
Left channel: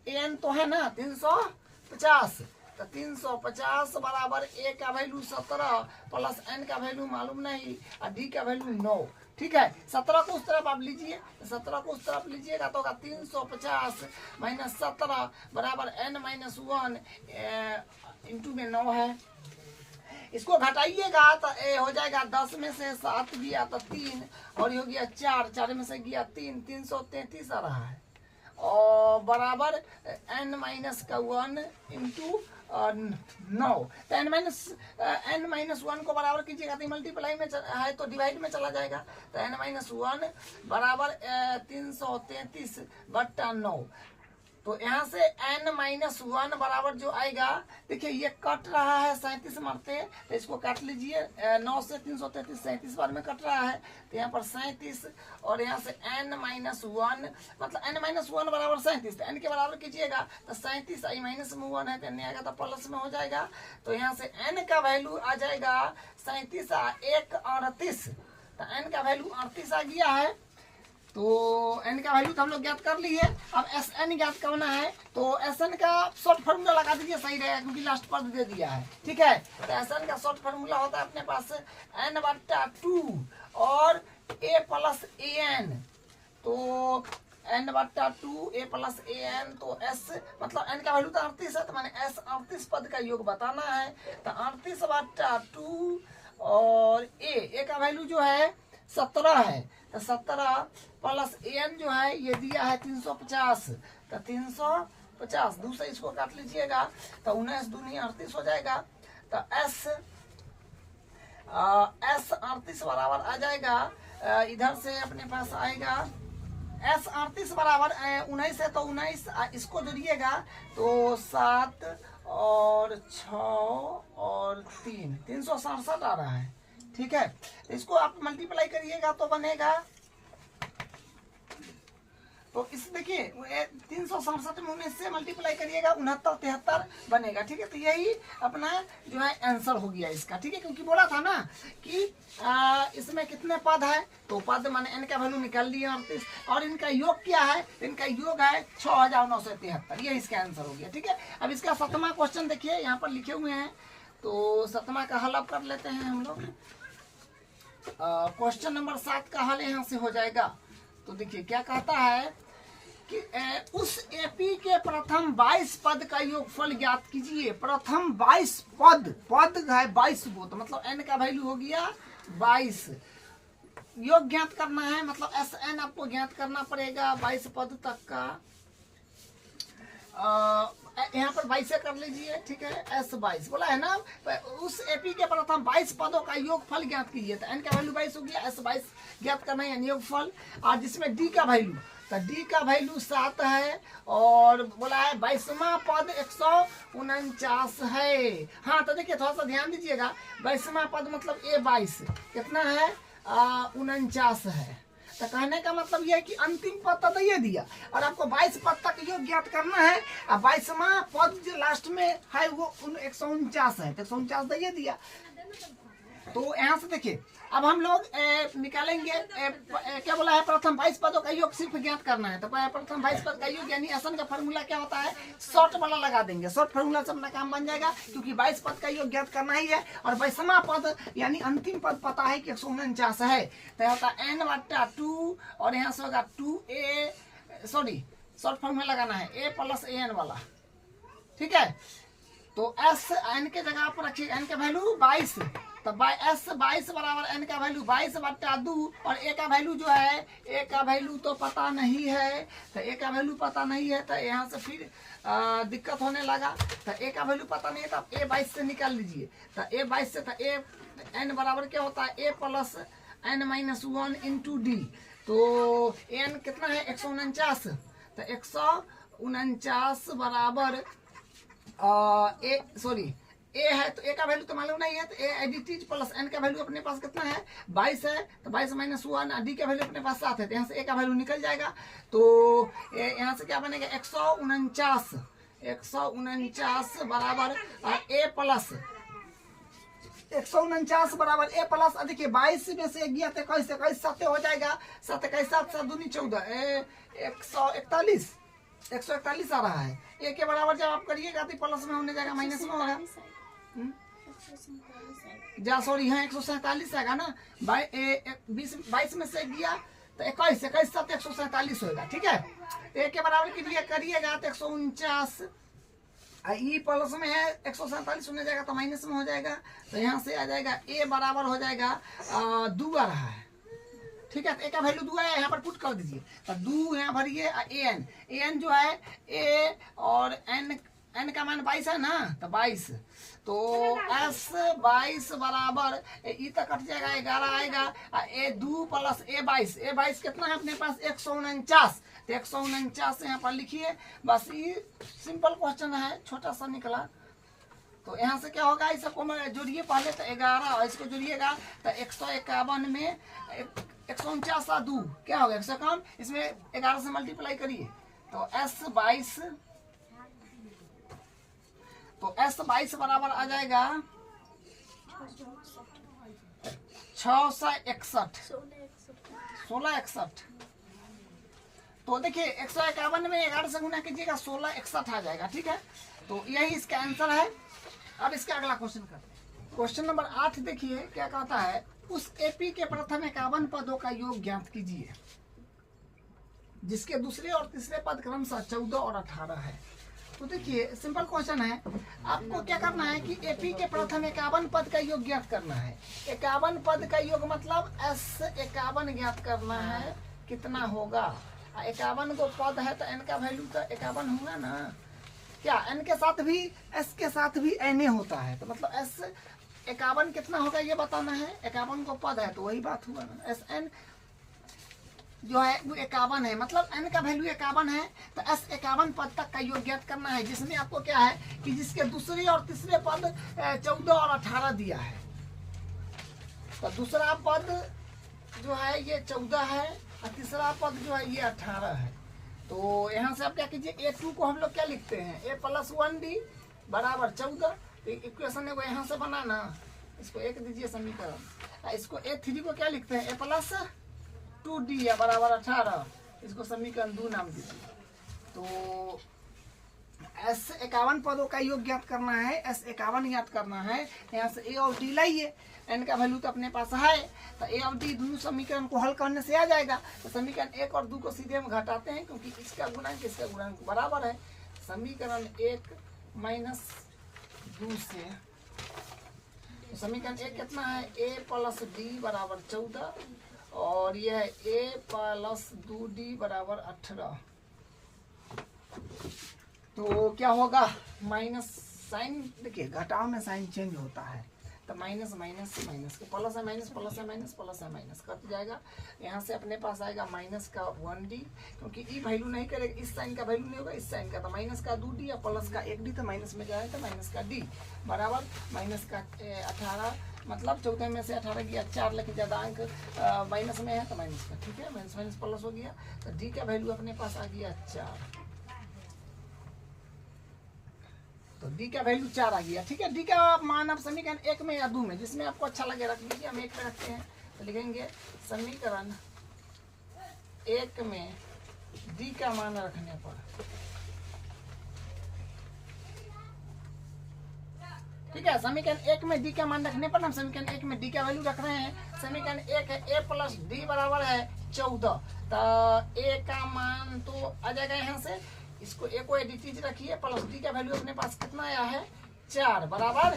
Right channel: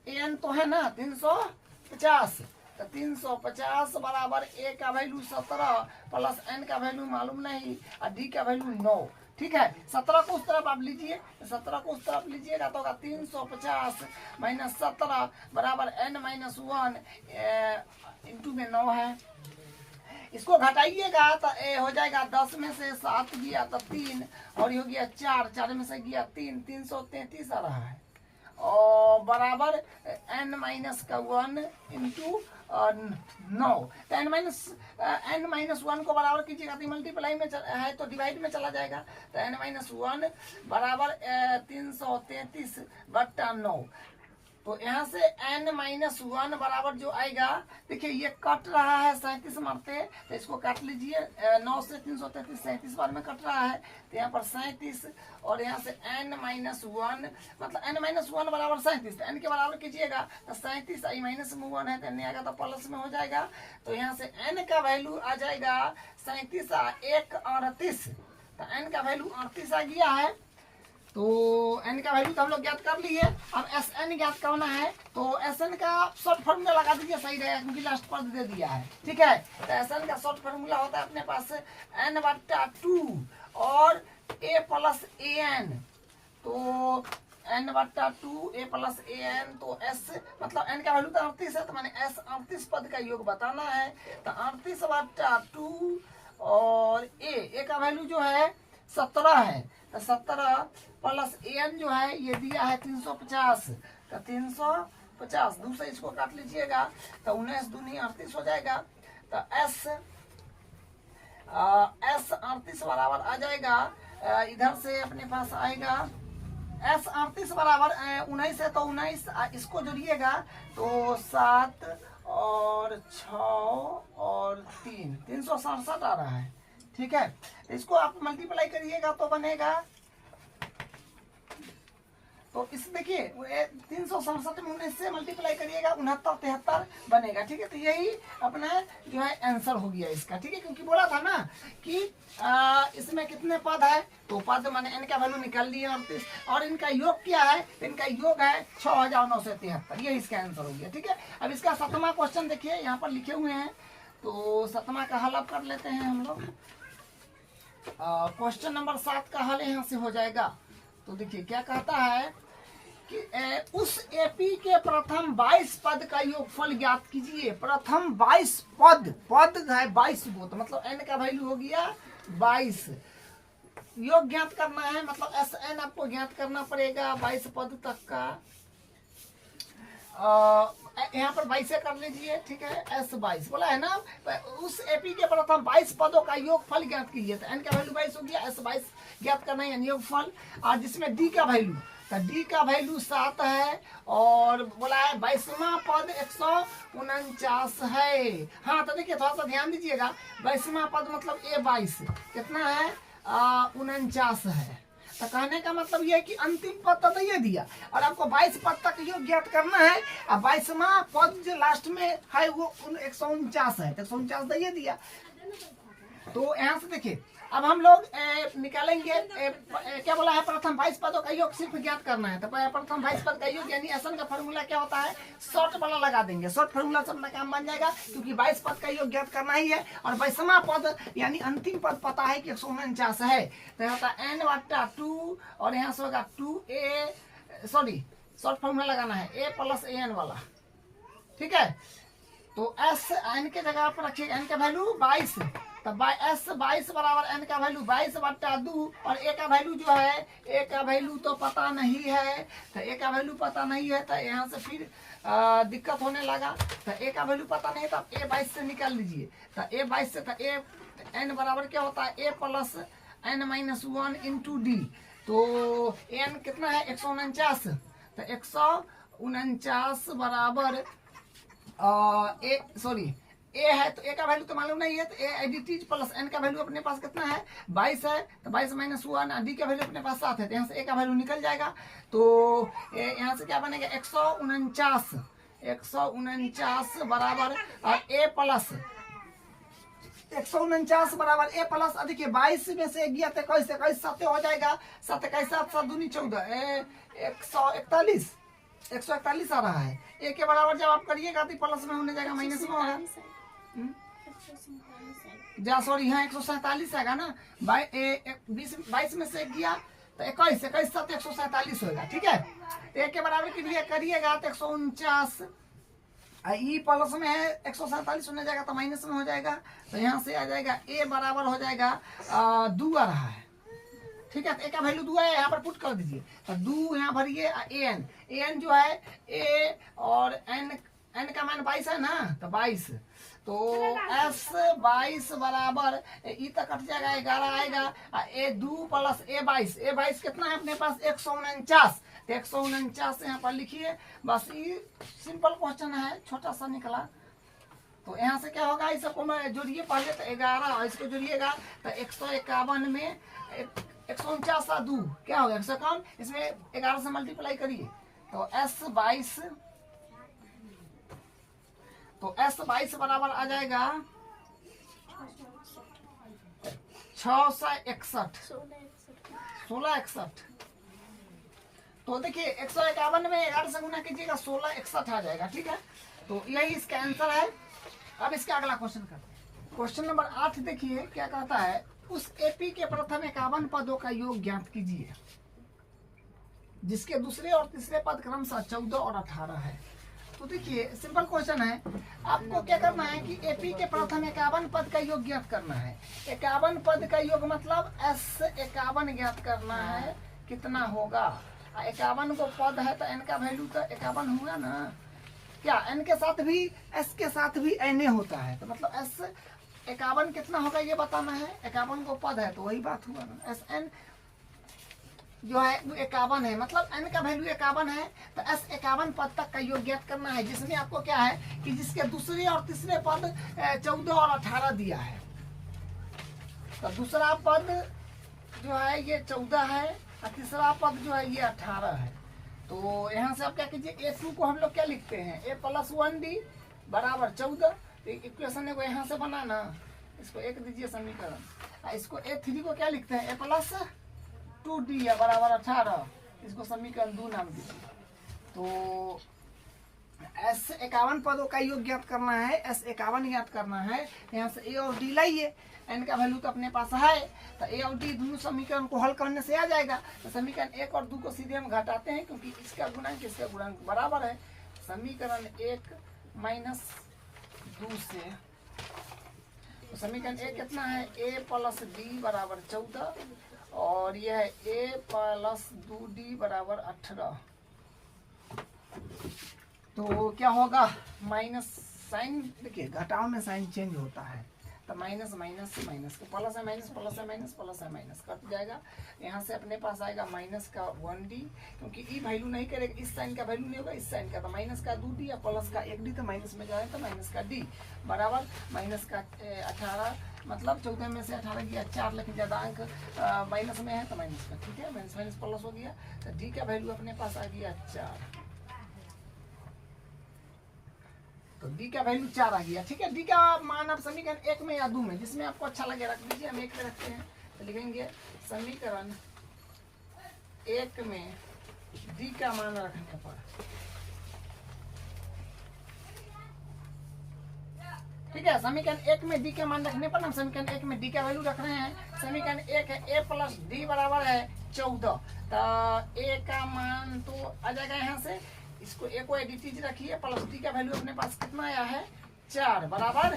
एन तो है ना 350, तो 350 बराबर ए का वैल्यू 17 प्लस एन का वैल्यू मालूम नहीं और डी का वैल्यू 9, ठीक है। 17 को उस तरफ आप लीजिए, 17 को उस तरफ लीजिएगा तो होगा 350 माइनस 17 बराबर एन माइनस 1 इंटू में 9 है। इसको घटाइएगा तो ए हो जाएगा 10 में से 7 गया तो 3 और ये हो गया 4 में से गया 3, 333 आ रहा है और बराबर n माइनस का 1 इंटू 9। तो n माइनस 1 को बराबर कीजिएगा तो मल्टीप्लाई में है तो डिवाइड में चला जाएगा, तो n माइनस 1 बराबर 333/9। तो यहाँ से n माइनस 1 बराबर जो आएगा, देखिए ये कट रहा है 37 मारते, तो इसको काट लीजिए, 9 से 333 37 बार में कट रहा है, तो यहाँ पर 37 और यहाँ से n माइनस 1 मतलब n माइनस 1 बराबर 37, तो n के बराबर कीजिएगा तो 37 आई माइनस में 1 है तो n आएगा तो प्लस में हो जाएगा। तो यहाँ से n का वैल्यू आ जाएगा 37 1 38, तो n का वैल्यू 38 आ गया है। तो n का वैल्यू तो हम लोग ज्ञात कर लिए। अब एस एन ज्ञात करना है, तो एस एन का शॉर्ट फार्मूला लगा दीजिए, सही रहेगा क्योंकि लास्ट पद दे दिया है, ठीक है। तो एस एन का शॉर्ट फार्मूला होता है अपने पास n/2 और a प्लस ए एन, तो n/2 a plus a n, तो s मतलब n का वैल्यू तो 38 है, तो मैंने s 38 पद का योग बताना है, तो 38/2 और a का वैल्यू जो है 17 है, तो 17 प्लस एन जो है ये दिया है 350, तो 350 दूसरे इसको काट लीजिएगा तो 19 दूनी 38 हो जाएगा। तो एस एस 38 बराबर आ जाएगा, इधर से अपने पास आएगा एस 38 बराबर 19 है, तो 19 इसको जोड़िएगा तो 7 और 6 और 367 आ रहा है। ठीक है, तो इसको आप मल्टीप्लाई करिएगा तो बनेगा, तो इस देखिए 367 में 19 से मल्टीप्लाई करिएगा 69 73 बनेगा। ठीक है, तो यही अपना जो है आंसर हो गया इसका। ठीक है, क्योंकि बोला था ना कि इसमें कितने पद है, तो पद माने n का वैल्यू निकाल दिया 38, और इनका योग क्या है, तो इनका योग है 6973, ये इसका आंसर हो गया। ठीक है, अब इसका 7वां क्वेश्चन देखिए यहाँ पर लिखे हुए हैं, तो 7वां का हल अब कर लेते हैं हम लोग। क्वेश्चन नंबर 7 का हल यहाँ से हो जाएगा। तो देखिए क्या कहता है कि उस एपी के प्रथम 22 पद का योगफल ज्ञात कीजिए। प्रथम 22 पद है 22 गो, तो मतलब n का वैल्यू हो गया 22। योग ज्ञात करना है, मतलब एस एन आपको ज्ञात करना पड़ेगा 22 पद तक का। यहाँ पर 22 कर लीजिए। ठीक है, एस 22 बोला है ना, उस एपी के प्रथम 22 पदों का योगफल ज्ञात कीजिए। तो एन का वैल्यू 22 हो गया, एस 22 ज्ञात करना है योगफल, और जिसमें डी का वैल्यू, तो डी का वैल्यू 7 है, और बोला है 22वां पद 149 है। हाँ, तो देखिए थोड़ा सा ध्यान दीजिएगा, 22वां पद मतलब A22 कितना है 49 है। तो कहने का मतलब यह है कि अंतिम पद तो ये दिया, और आपको 22 पद तक योग ज्ञात करना है, और 22वां पद जो लास्ट में है वो 149 है, तो 149 तो ये दिया। तो यहाँ से देखिए अब हम लोग निकालेंगे क्या बोला है, प्रथम 22 पदों का योग सिर्फ ज्ञात करना है। तो प्रथम 22 पद का योग यानी एसन का फॉर्मूला क्या होता है, शॉर्ट वाला लगा देंगे, शॉर्ट फॉर्मूला से अपना काम बन जाएगा, क्योंकि 22 पद का योग ज्ञात करना ही है, और 22वां पद यानी अंतिम पद पता है कि 149 है, तो होता है n/2, और यहाँ से होगा 2a, सॉरी शॉर्ट फॉर्मूला लगाना है a + an वाला। ठीक है, तो एस एन के जगह पर रखिए, एन का वैल्यू 22, तो एस 22 बराबर एन का वैल्यू 22/2, और ए का वैल्यू जो है, ए का वैल्यू तो पता नहीं है, तो ए का वैल्यू पता नहीं है, तो यहाँ से फिर दिक्कत होने लगा। तो ए का वैल्यू पता नहीं है, तो आप A22 से निकाल लीजिए। तो A22 से तो ए एन बराबर क्या होता है, a + n - 1 × d, तो एन कितना है 149, तो 149 बराबर ए है, तो ए का वैल्यू तो मालूम नहीं है, तो ए एडिटीज प्लस एन का वैल्यू अपने पास कितना है 22 है, तो 22 - 1, डी का वैल्यू अपने पास 7 है, तो यहाँ से ए का वैल्यू निकल जाएगा। तो यहाँ से क्या बनेगा 149 बराबर ए प्लस 149 बराबर ए प्लस, देखिए 22 में से गया तो 21 7 हो जाएगा, 7 21 7 7 दूनी 14, 141 आ रहा है। ए के बराबर जब आप करिएगा तो प्लस में होने जाएगा, माइनस में होगा, जा सॉरी हाँ 147 आएगा ना, 22 में से गया तो 21 7 147 होगा। ठीक है, ए के बराबर के लिए करिएगा तो 149, ई प्लस में है 147 होने जाएगा, तो माइनस में हो जाएगा, तो यहाँ से आ जाएगा ए बराबर हो जाएगा 2 आ रहा है। ठीक है, तो ए का वैल्यू 2 है, यहाँ पर पुट कर दीजिए, तो 2 यहाँ भरिए, एन जो है ए और एन का मान 22 है ना, तो 22, तो एस 22 बराबर ई तक कट जाएगा 11 आएगा, ए 2 + ए 22 कितना है अपने पास 149, तो 149 यहाँ पर लिखिए, बस ये सिंपल क्वेश्चन है, छोटा सा निकला। तो यहाँ से क्या होगा, इस सबको मैं जोड़िए पहले, तो 11 और इसको जोड़िएगा तो 151 में 149 2 क्या होगा 151, इसमें 11 से मल्टीप्लाई करिए, तो एस 22 बराबर आ जाएगा 661 1661। तो देखिए 151 में 11 से गुना कीजिएगा 1661 आ जाएगा। ठीक है, तो यही इसका आंसर है। अब इसका अगला क्वेश्चन करते हैं। क्वेश्चन नंबर 8 देखिए क्या कहता है, उस एपी के प्रथम 51 पदों का योग ज्ञात कीजिए, जिसके दूसरे और तीसरे पद क्रमशः 14 और 18 है। तो देखिए सिंपल क्वेश्चन है, आपको क्या करना है कि एपी के प्रथम 51 पद का योग ज्ञात करना है। 51 पद का योग मतलब एस 51 ज्ञात करना है, कितना होगा 51 को पद है, तो एन का वैल्यू तो 51 होगा ना, क्या एन के साथ भी एस के साथ भी एन होता है, तो मतलब एस 51 कितना होगा ये बताना है। 51 को पद है तो वही बात हुआ ना, एस एन जो है वो 51 है, मतलब n का वैल्यू 51 है, तो s 51 पद तक का योग ज्ञात करना है, जिसमें आपको क्या है कि जिसके दूसरे और तीसरे पद 14 और 18 दिया है। तो दूसरा पद जो है ये 14 है और तीसरा पद जो है ये 18 है। तो यहाँ से आप क्या कीजिए, A2 को हम लोग क्या लिखते हैं, a + 1d बराबर 14। तो इक्वेशन को यहाँ से बनाना, इसको एक दीजिए समीकरण, इसको A3 को क्या लिखते हैं, a + 2d या बराबर 18, इसको समीकरण 2 नाम दीजिए। तो S 51 पदों का योग ज्ञात करना है, S 51 ज्ञात करना है। यहाँ से A और D लाइए, n का वैल्यू तो अपने पास है, तो A और D दोनों समीकरण को हल करने से आ जाएगा। तो समीकरण 1 और 2 को सीधे हम घटाते हैं, क्योंकि इसका गुणांक बराबर है। समीकरण 1 - 2 से तो समीकरण 1 कितना है, a + d बराबर 14 और यह है a + 2d बराबर 18। तो क्या होगा, माइनस साइन, देखिए घटाव में साइन चेंज होता है, तो माइनस माइनस से माइनस के प्लस है, माइनस प्लस है, माइनस प्लस है, माइनस कट जाएगा। यहाँ से अपने पास आएगा माइनस का 1d, क्योंकि ई वैल्यू नहीं करेगा, इस साइन का वैल्यू नहीं होगा, इस साइन का, तो माइनस का 2d या प्लस का 1d, तो माइनस में जाएगा तो माइनस का d बराबर माइनस का 18, मतलब 14 में से 18 गया 4, लेकिन ज्यादा अंक माइनस में है तो माइनस का, ठीक है, माइनस माइनस प्लस हो गया, तो d का वैल्यू अपने पास आ गया 4। तो d का वैल्यू 4 आ गया, ठीक है। d का मान आप समीकरण 1 में या 2 में, जिसमें आपको अच्छा लगे रख लीजिए, हम 1 में रखते हैं, तो लिखेंगे समीकरण 1 में d का मान रखने पर, ठीक है, समीकरण 1 में d का मान रखने पर हम समीकरण 1 में d का वैल्यू रख रहे हैं। समीकरण 1 है a + d बराबर है 14, तो a का मान तो आ जाएगा यहाँ से, इसको a को एडिटीज रखिए, प्लस d का वैल्यू अपने पास कितना आया है 4 बराबर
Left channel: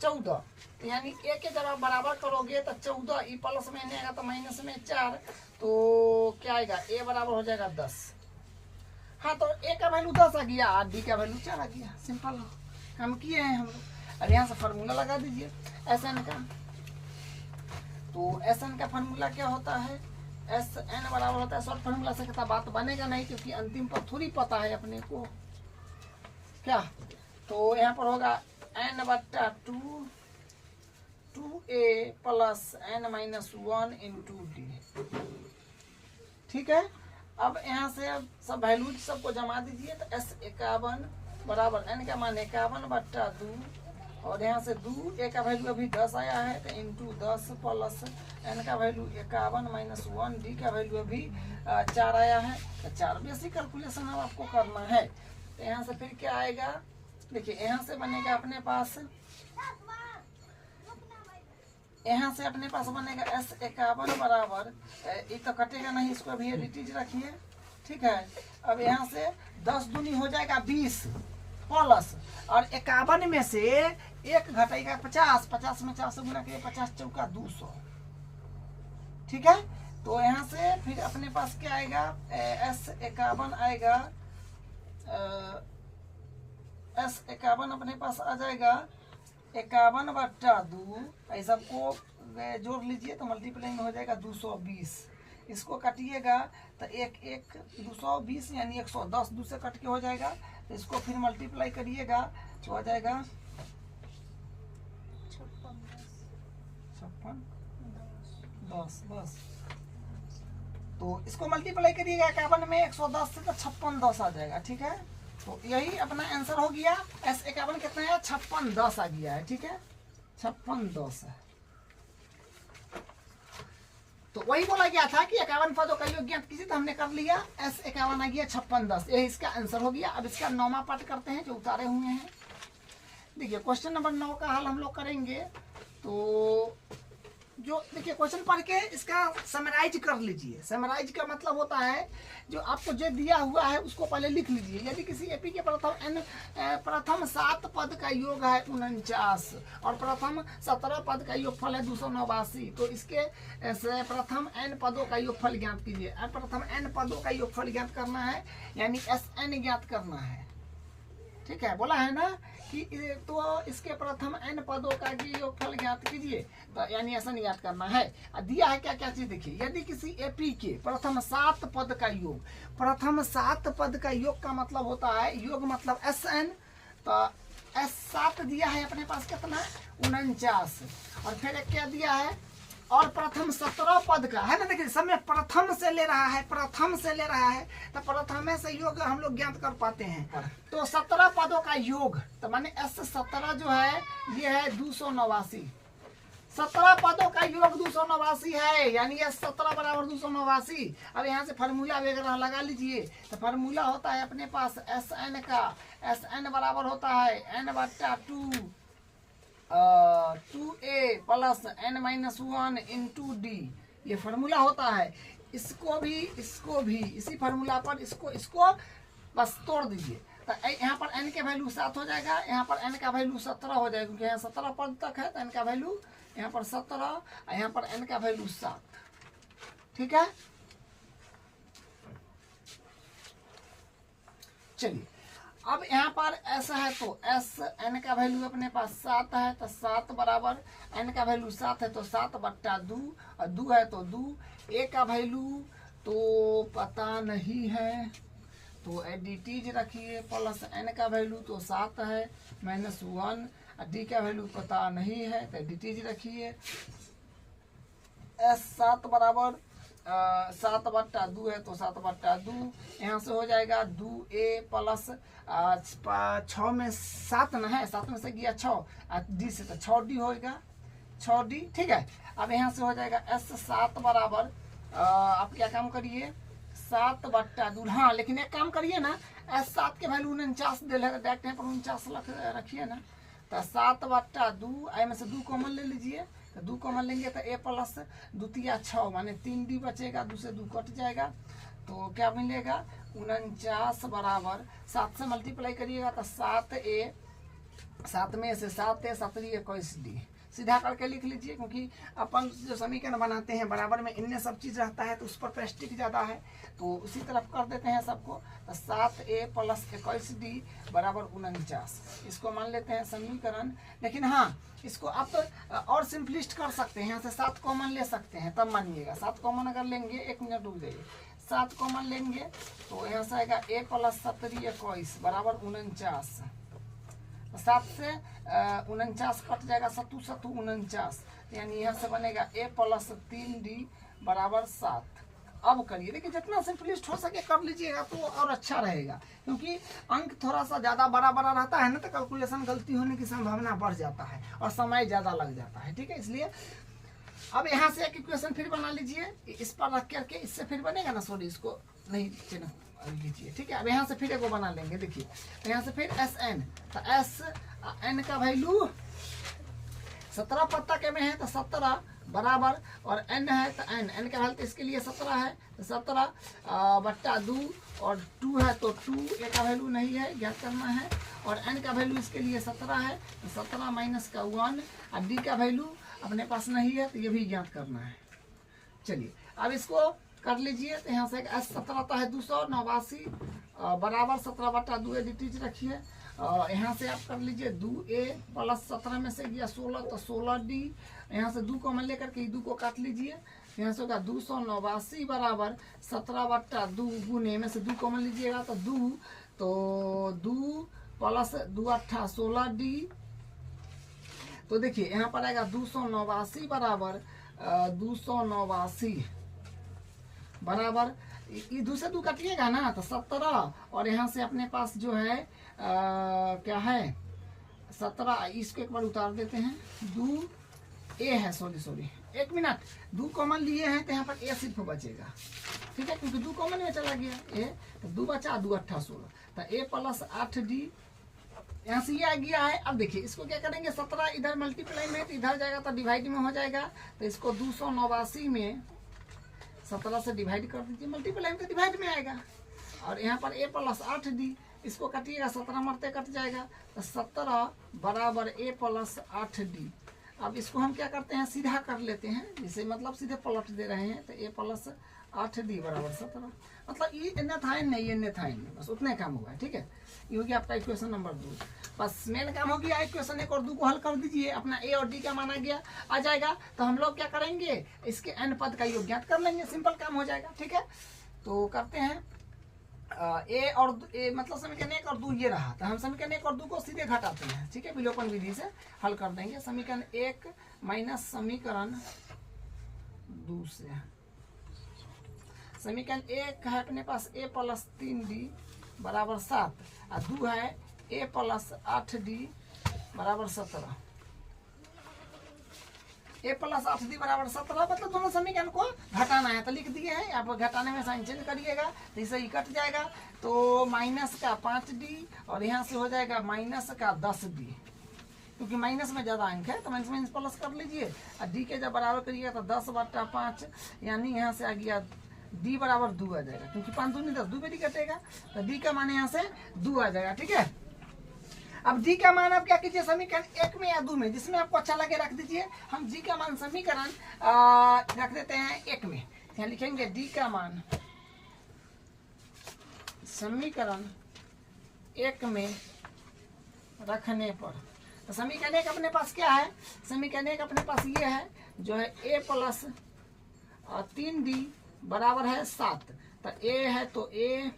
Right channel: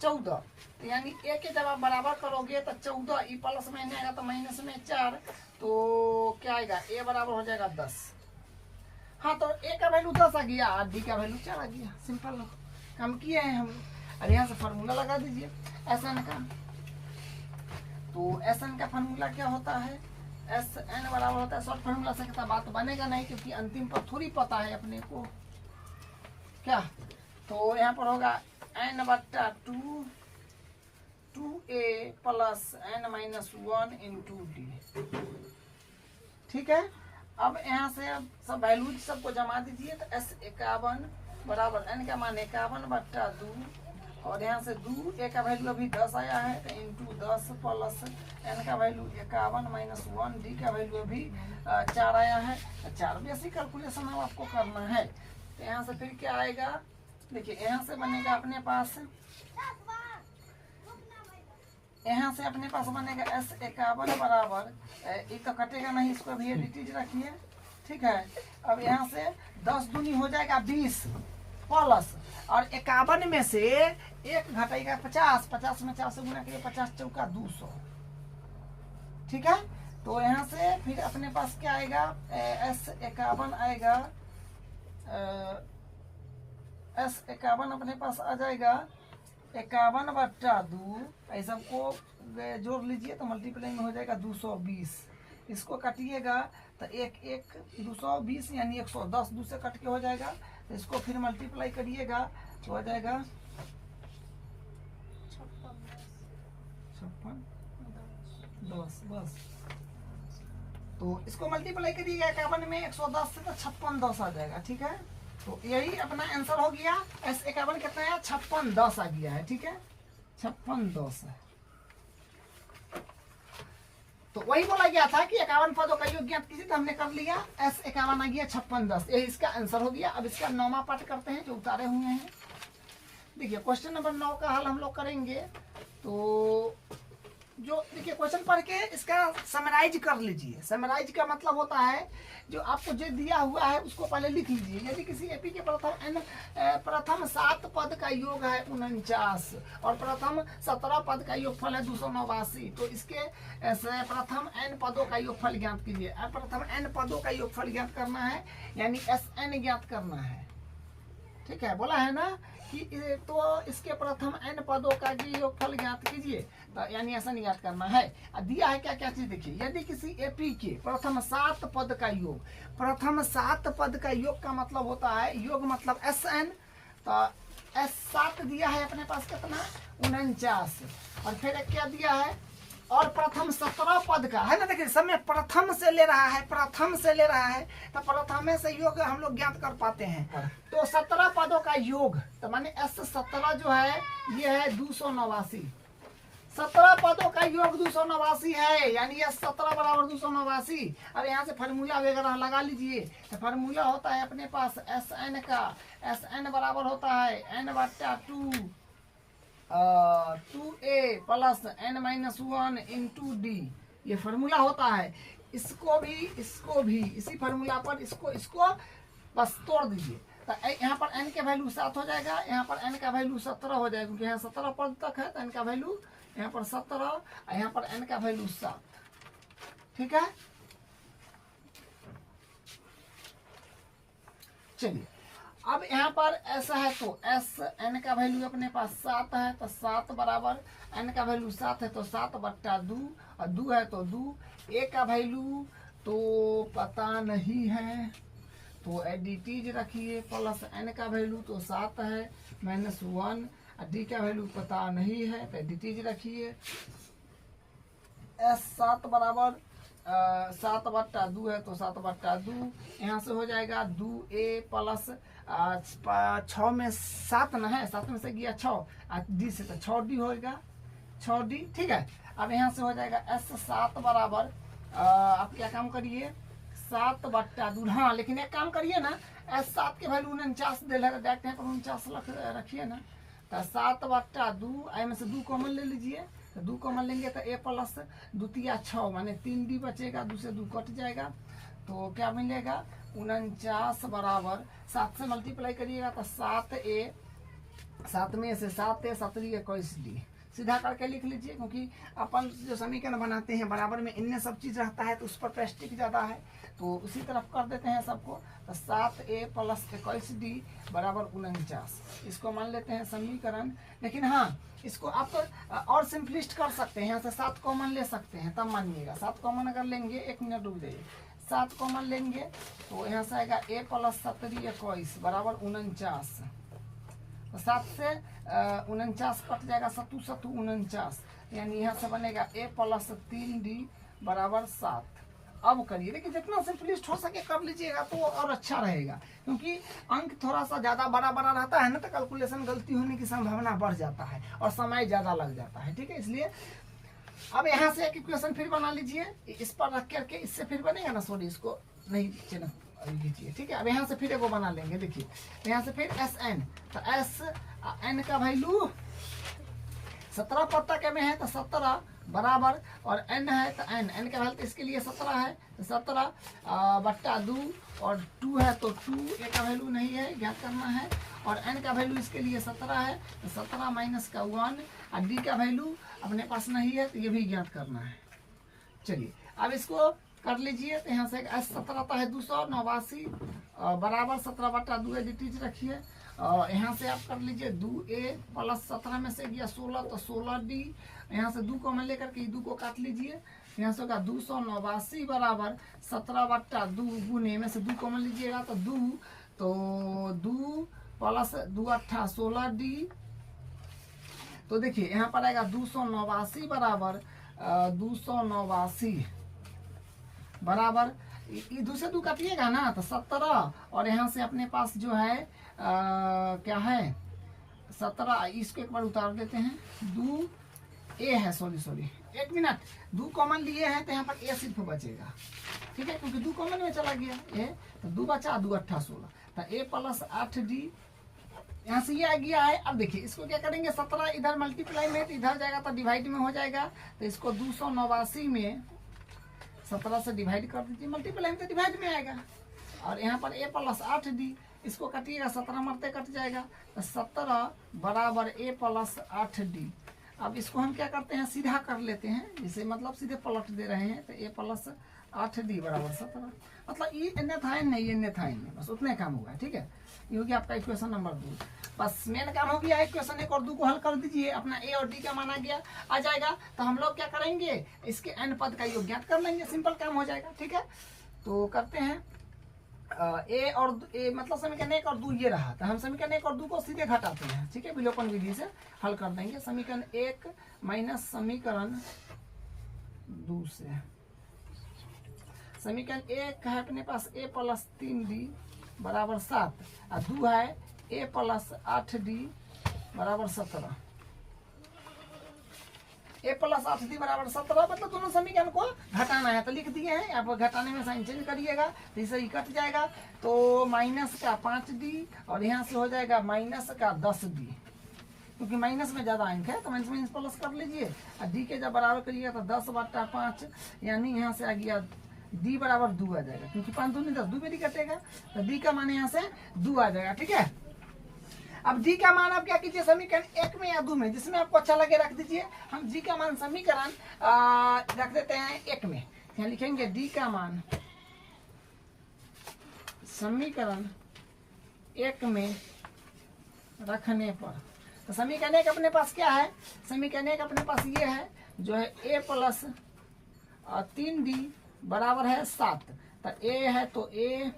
14, तो यानी a के जब आप बराबर करोगे तो 14, ई प्लस में आएगा तो माइनस में 4, तो क्या आएगा, a बराबर हो जाएगा 10। हाँ, तो a का वैल्यू 10 आ गया और d का वैल्यू 4 आ गया, सिंपल काम किए हैं हम लोग। अब यहाँ से फार्मूला लगा दीजिए SN का, तो SN का फार्मूला क्या होता है, SN बराबर होता है, शॉर्ट फार्मूला से कहता बात बनेगा नहीं, क्योंकि अंतिम पर थोड़ी पता है अपने को क्या, तो यहाँ पर होगा n/2 2a + n - 1 × d, ठीक है। अब यहाँ से सब वैल्यूज सबको जमा दीजिए, तो S 51 बराबर n का मान 51/2 और यहाँ से 2 a का वैल्यू अभी 10 आया है, तो इंटू 10 प्लस n का वैल्यू 51 - 1 d का वैल्यू अभी 4 आया है, तो 4 बेसिक कैलकुलेशन अब आपको करना है। तो यहाँ से फिर क्या आएगा, देखिए यहाँ से बनेगा अपने पास, यहाँ से अपने पास बनेगा S 51 बराबर, ये तो कटेगा नहीं, इसको अभी एडिटीज रखिए, ठीक है। अब यहाँ से 10 दूनी हो जाएगा 20 प्लस, और 51 में से 1 घटेगा 50, 50 में 4 से गुना करिए, 50 चौका 200, ठीक है। तो यहाँ से फिर अपने पास क्या आएगा, S 51 आएगा, S 51 अपने पास आ जाएगा 51/2, ऐसा सबको जोड़ लीजिए तो मल्टीप्लाई में हो जाएगा 220, इसको काटिएगा तो 1 220 यानी 110, 2 से कट के हो जाएगा, तो इसको फिर मल्टीप्लाई करिएगा तो हो जाएगा 56 10 बस, तो इसको मल्टीप्लाई करिएगा 51 में 110 से, तो 56 10 आ जाएगा, ठीक है। तो यही अपना आंसर हो गया। S 51 कितना है, 56 10 आ गया है, ठीक है, 56 10 है। तो वही बोला गया था कि 51 पदों का योग ज्ञात कीजिए, तो हमने कर लिया, S 51 आ गया 56 10, यही इसका आंसर हो गया। अब इसका 9वां पार्ट करते हैं जो उतारे हुए हैं। देखिए क्वेश्चन नंबर 9 का हल हम लोग करेंगे, तो जो देखिए क्वेश्चन पढ़ के इसका समराइज कर लीजिए। समराइज का मतलब होता है जो आपको जो दिया हुआ है उसको पहले लिख लीजिए। यदि किसी एपी के प्रथम 7 पद का योग है 49 और प्रथम 17 पद का योगफल है 289, तो इसके प्रथम n पदों का योगफल ज्ञात कीजिए। प्रथम n पदों का योगफल ज्ञात करना है, यानी SN ज्ञात करना है, ठीक है, बोला है ना कि तो इसके प्रथम n पदों का योगफल ज्ञात कीजिए, तो यानी ऐसा नहीं ज्ञात करना है। दिया है क्या क्या चीज, देखिए यदि किसी एपी के प्रथम 7 पद का योग, प्रथम 7 पद का योग का मतलब होता है, योग मतलब Sn, तो S7 दिया है अपने पास कितना 49, और फिर एक क्या दिया है, और प्रथम 17 पद का है ना, देखिए सब में प्रथम से ले रहा है, प्रथम से ले रहा है, तो प्रथम से योग हम लोग ज्ञात कर पाते हैं। तो 17 पदों का योग, तो माने S17 जो है ये है 289, 17 पदों का योग 289 है, यानी S17 बराबर 289। अब यहाँ से फार्मूला वगैरह लगा लीजिए, तो फार्मूला होता है अपने पास Sn का, Sn बराबर होता है n/2 2a plus n-1 into D, ये फार्मूला होता है। इसको भी इसी फार्मूला पर इसको बस तोड़ दीजिए, तो यहाँ पर n के वैल्यू 7 हो जाएगा, यहाँ पर n का वैल्यू 17 हो जाएगा, क्योंकि यहाँ 17 पद तक है, तो n का वैल्यू यहाँ पर 17, यहाँ पर n का वैल्यू 7, ठीक है। चलिए अब यहाँ पर ऐसा है, तो एस n का वैल्यू अपने पास 7 है, तो 7 बराबर n का वैल्यू 7 है, तो 7/2, और 2 है तो 2, a का वैल्यू तो पता नहीं है, तो एडिटीज रखिए, प्लस n का वैल्यू तो 7 है -1, और d का वैल्यू पता नहीं है, तो एडिटीज रखिए। S7 बराबर 7/2 है, तो 7/2, यहाँ से हो जाएगा 2a प्लस 6 में 7 न है, 7 में से गया 6, डी से तो 6d होगा, 6d, ठीक है। अब यहाँ से हो जाएगा S7 बराबर आप क्या काम करिए 7/2, हाँ लेकिन एक काम करिए ना, S7 के वैल्यू 49 दे लगा, डायरेक्ट यहाँ पर 49 रखिए ना, तो 7/2, आई में से 2 कॉमन ले लीजिए, तो 2 कॉमन लेंगे तो a प्लस 2 × 6 माने 3d बचेगा, 2 से 2 कट जाएगा, तो क्या मिलेगा 49 बराबर 7 से मल्टीप्लाई करिएगा तो 7a, 7 में से 7a 7 21d, सीधा करके लिख लीजिए, क्योंकि अपन जो समीकरण बनाते हैं बराबर में इनमें सब चीज़ रहता है, तो उस पर प्रेस्टिक ज़्यादा है, तो उसी तरफ कर देते हैं सबको, तो 7a प्लस 21d बराबर 49, इसको मान लेते हैं समीकरण। लेकिन हाँ, इसको आप और सिंपलिस्ट कर सकते हैं, यहाँ से 7 कॉमन ले सकते हैं, तब मानिएगा 7 कॉमन अगर लेंगे, 1 मिनट रुक जाइए, 7 कॉमन लेंगे तो यहाँ से आएगा a प्लस 7 21 बराबर 49, 7 से 49 कट जाएगा, 7 7 49, यानी यहाँ से बनेगा a प्लस 3d बराबर 7। अब करिए, लेकिन जितना सिंपलिस्ट हो सके कर लीजिएगा तो और अच्छा रहेगा, क्योंकि अंक थोड़ा सा ज़्यादा बड़ा रहता है ना, तो कैलकुलेशन गलती होने की संभावना बढ़ जाता है और समय ज़्यादा लग जाता है, ठीक है। इसलिए अब यहाँ से एक इक्वेशन फिर बना लीजिए, इस पर रख करके, इससे फिर बनेगा ना, सॉरी इसको नहीं लीजिए, ठीक है। अब यहाँ से फिर एगो बना लेंगे, देखिए, तो यहाँ से फिर Sn, तो Sn का वैल्यू 17 पत्ता के में है, तो 17 बराबर, और n है तो n का वैल्यू तो इसके लिए 17 है, तो 17/2, और 2 है तो 2, a का वैल्यू नहीं है, ज्ञात करना है, और n का वैल्यू इसके लिए 17 है, तो 17 माइनस का 1, और d का वैल्यू अपने पास नहीं है, तो ये भी ज्ञात करना है। चलिए अब इसको कर लीजिए, तो यहाँ से S17 है 289 बराबर 17/2, एडिटीज रखिए, यहाँ से आप कर लीजिए 2a प्लस 17 में से गया 16, तो 16d, यहाँ से 2 कॉमन लेकर के 2 को काट लीजिए, यहाँ से होगा 289 बराबर 17/2 गुने में से 2 कॉमन लीजिएगा तो 2 प्लस 2 8 16d, तो देखिए यहाँ पर आएगा 289 बराबर 289 बराबर, ये 2 से 2 काटिएगा ना तो 17, और यहाँ से अपने पास जो है क्या है 17, इसको एक बार उतार देते हैं, 2a है, सॉरी 1 मिनट, 2 कॉमन लिए हैं तो यहाँ पर a सिर्फ बचेगा, ठीक है, क्योंकि 2 कॉमन में चला गया a, तो 2 बचा, 2 8 16, तो a प्लस 8d, यहाँ से ये आ गया है। अब देखिए इसको क्या करेंगे, 17 इधर मल्टीप्लाई में, तो इधर जाएगा तो डिवाइड में हो जाएगा, तो इसको 289 में 17 से डिवाइड कर दीजिए, मल्टीप्लाई में तो डिवाइड में आएगा, और यहाँ पर a प्लस 8d, इसको काटिएगा 17 मरते कट जाएगा, तो 17 बराबर a प्लस 8d। अब इसको हम क्या करते हैं, सीधा कर लेते हैं, जिसे मतलब सीधे पलट दे रहे हैं, तो a प्लस 8d बराबर 17। मतलब ये एन था एन नहीं, एन था एन, बस उतने काम हुआ है। ठीक है, ये हो गया आपका इक्वेशन नंबर 2। बस मेन काम हो गया, इक्वेशन 1 और 2 को हल कर दीजिए, अपना ए और डी का माना गया आ जाएगा। तो हम लोग क्या करेंगे, इसके एन पद का योग ज्ञात कर लेंगे, सिंपल काम हो जाएगा। ठीक है, तो करते हैं। ए और ए मतलब समीकरण 1 और 2 ये रहा, तो हम समीकरण 1 और 2 को सीधे घटाते हैं। ठीक है, विलोपन विधि से हल कर देंगे। समीकरण 1 माइनस समीकरण 2 से, समीकरण 1 है अपने पास a प्लस 3d बराबर 7 और 2 है a प्लस 8d बराबर 17। a प्लस 8d बराबर 17, मतलब दोनों समीकरण को घटाना है, तो लिख दिए हैं। आप घटाने में साइन चेंज करिएगा तो इसे ही कट जाएगा। तो माइनस का 5d और यहाँ से हो जाएगा माइनस का 10d, क्योंकि माइनस में ज्यादा अंक है तो माइनस माइनस प्लस कर लीजिए। और डी के जब बराबर करिएगा तो 10/5, यानी यहाँ से आ गया डी बराबर 2 आ जाएगा, क्योंकि 5 दूनी 10, 2 भी डी कटेगा तो डी का मान यहाँ से 2 आ जाएगा। ठीक है, अब डी का मान आप क्या कीजिए, समीकरण 1 में या 2 में, जिसमें आपको अच्छा लगे रख दीजिए। हम जी का मान समीकरण रख देते हैं 1 में, यहाँ लिखेंगे डी का मान समीकरण 1 में रखने पर, तो समीकरण 1 अपने पास क्या है, समीकरण 1 अपने पास ये है जो है a प्लस 3d बराबर है 7। तो a है तो a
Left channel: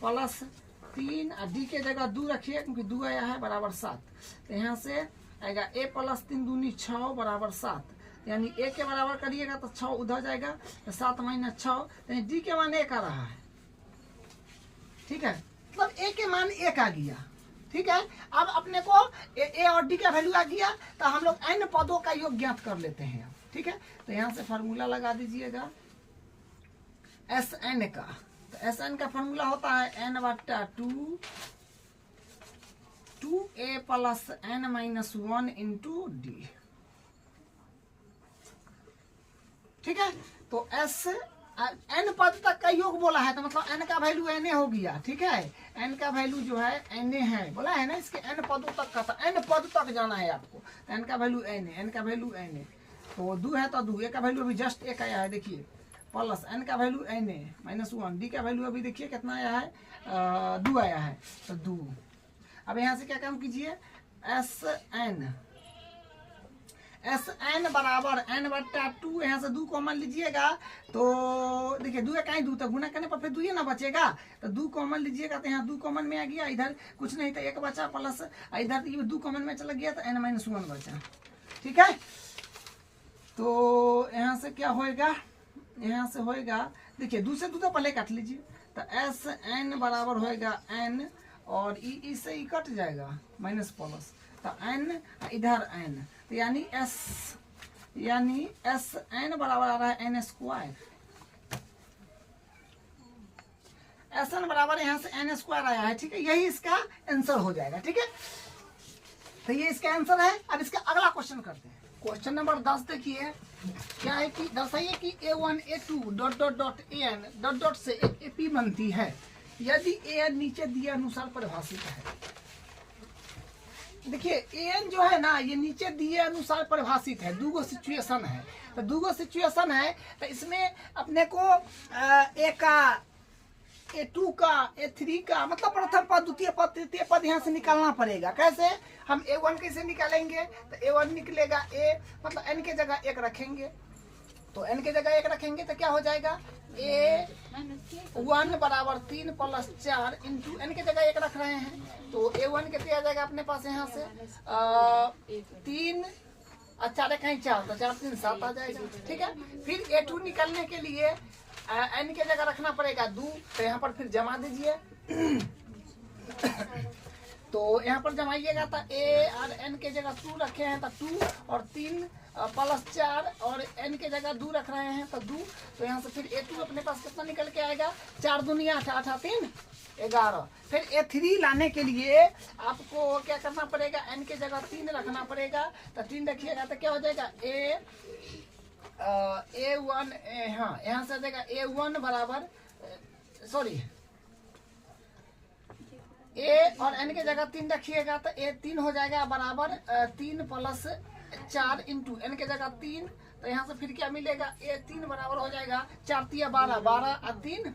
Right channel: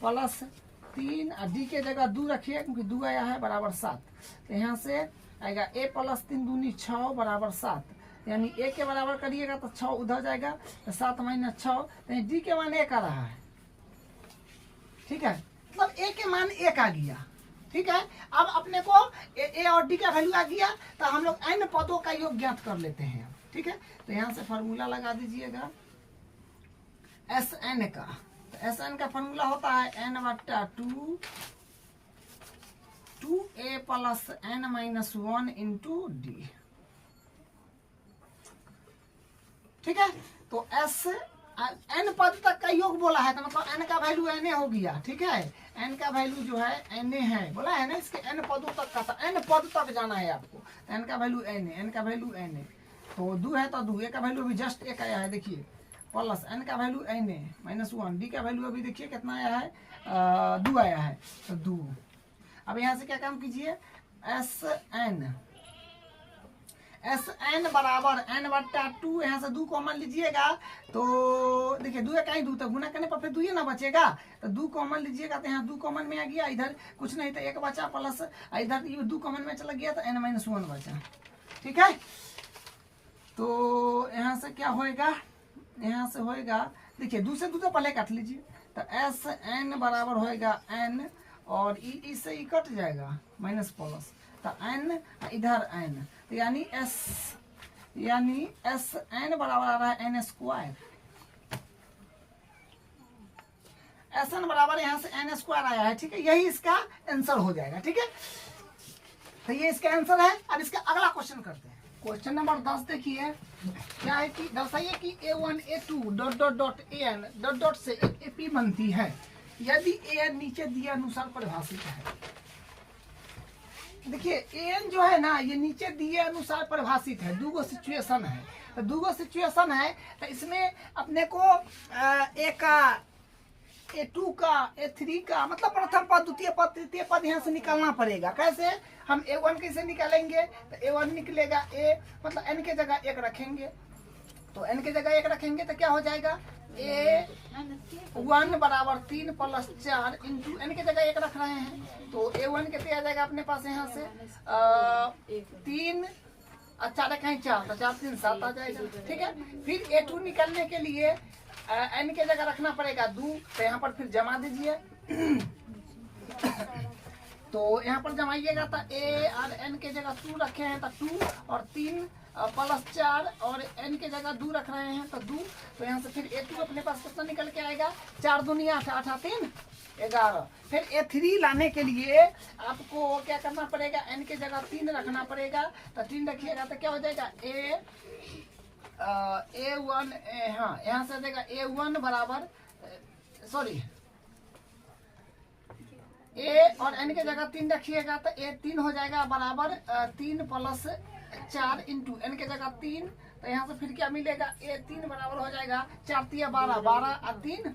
प्लस 3 और d के जगह 2 रखिए, क्योंकि 2 आया है बराबर 7। तो यहाँ से आएगा a प्लस 3 दूनी 6 बराबर 7, यानी a के बराबर करिएगा तो 6 उधर जाएगा, तो 7 माइनस 6, तो d के मान 1 आ रहा है। ठीक है, मतलब a के मान 1 आ गया। ठीक है, अब अपने को ए और डी का वैल्यू आ गया, तो हम लोग एन पदों का योग ज्ञात कर लेते हैं। ठीक है, तो यहाँ से फार्मूला लगा दीजिएगा एस एन का। तो एस एन का फार्मूला होता है n/2 2a plus n-1 into D. ठीक है, तो एस एन पद तक का योग बोला है, तो मतलब एन का वैल्यू एन हो गया। ठीक है, एन का वैल्यू जो है एन है, बोला है ना, इसके एन पदों तक का, तो एन पद तक जाना है आपको। एन का वैल्यू एन, एन का वैल्यू एन, तो 2 है तो 2, ए का वैल्यू अभी जस्ट 1 आया है, देखिए, प्लस एन का वैल्यू एन -1, डी का वैल्यू अभी देखिए कितना आया है, 2 आया है, तो 2। अब यहाँ से क्या काम कीजिए, एस एन बराबर n/2, यहाँ से 2 कॉमन लीजिएगा तो देखिए 2 का 2, तो गुना करने पर फिर 2 ही ना बचेगा, तो 2 कॉमन लीजिएगा तो यहाँ 2 कॉमन में आ गया, इधर कुछ नहीं तो 1 बचा, प्लस इधर ये 2 कॉमन में चला गया तो n-1 बचा। ठीक है, तो यहाँ से क्या होएगा, यहाँ से होएगा, देखिए 2 से 2 तो पहले काट लीजिए, तो एस एन बराबर होएगा n और इससे ही कट जाएगा माइनस प्लस, तो n इधर n, तो यानी एस एन बराबर आ रहा है n²। एस एन बराबर यहाँ से n² आया है। ठीक है, यही इसका आंसर हो जाएगा। ठीक है, तो ये इसका आंसर है। अब इसका अगला क्वेश्चन करते हैं। क्वेश्चन नंबर 10 देखिए, क्या है कि दर्शाइए कि a1 a2 dot dot dot an dot dot से एक एपी बनती है यदि an नीचे दिए अनुसार परिभाषित है। देखिए an जो है ना, ये नीचे दिए अनुसार परिभाषित है। 2 सिचुएशन है, तो 2 सिचुएशन है, तो इसमें अपने को a का, a2 का, a3 का, मतलब प्रथम पद, द्वितीय पद, तृतीय पद यहाँ से निकालना पड़ेगा। कैसे, हम a1 कैसे निकालेंगे, तो a1 निकलेगा, a मतलब n के जगह 1 रखेंगे, तो n के जगह 1 रखेंगे तो क्या हो जाएगा, a1 बराबर 3 प्लस 4 इंटू n के जगह 1 रख रहे हैं, तो a1 कितने आ जाएगा अपने पास यहाँ से 3 और 4 कहीं 4, तो 4 3 7 आ जाएगा। ठीक है, फिर a2 निकलने के लिए n के जगह रखना पड़ेगा 2, तो यहाँ पर फिर जमा दीजिए। तो यहाँ पर जमाइएगा तो a और n के जगह 2 रखे हैं तो 2 और 3 प्लस 4 और n के जगह 2 रख रहे हैं तो 2, तो यहाँ से फिर a2 अपने पास कितना निकल के आएगा, 4 दूनी 8, 8 3 11। फिर a3 लाने के लिए आपको क्या करना पड़ेगा, n के जगह 3 रखना पड़ेगा, तो 3 रखिएगा तो क्या हो जाएगा a1, हाँ यहाँ से आ जाएगा a1 बराबर, सॉरी a और n के जगह 3 रखिएगा तो a3 हो जाएगा बराबर 3 प्लस 4 इंटू n के जगह 3, तो यहाँ से फिर क्या मिलेगा, ए 3 बराबर हो जाएगा 4 तिया 12, 12 और 3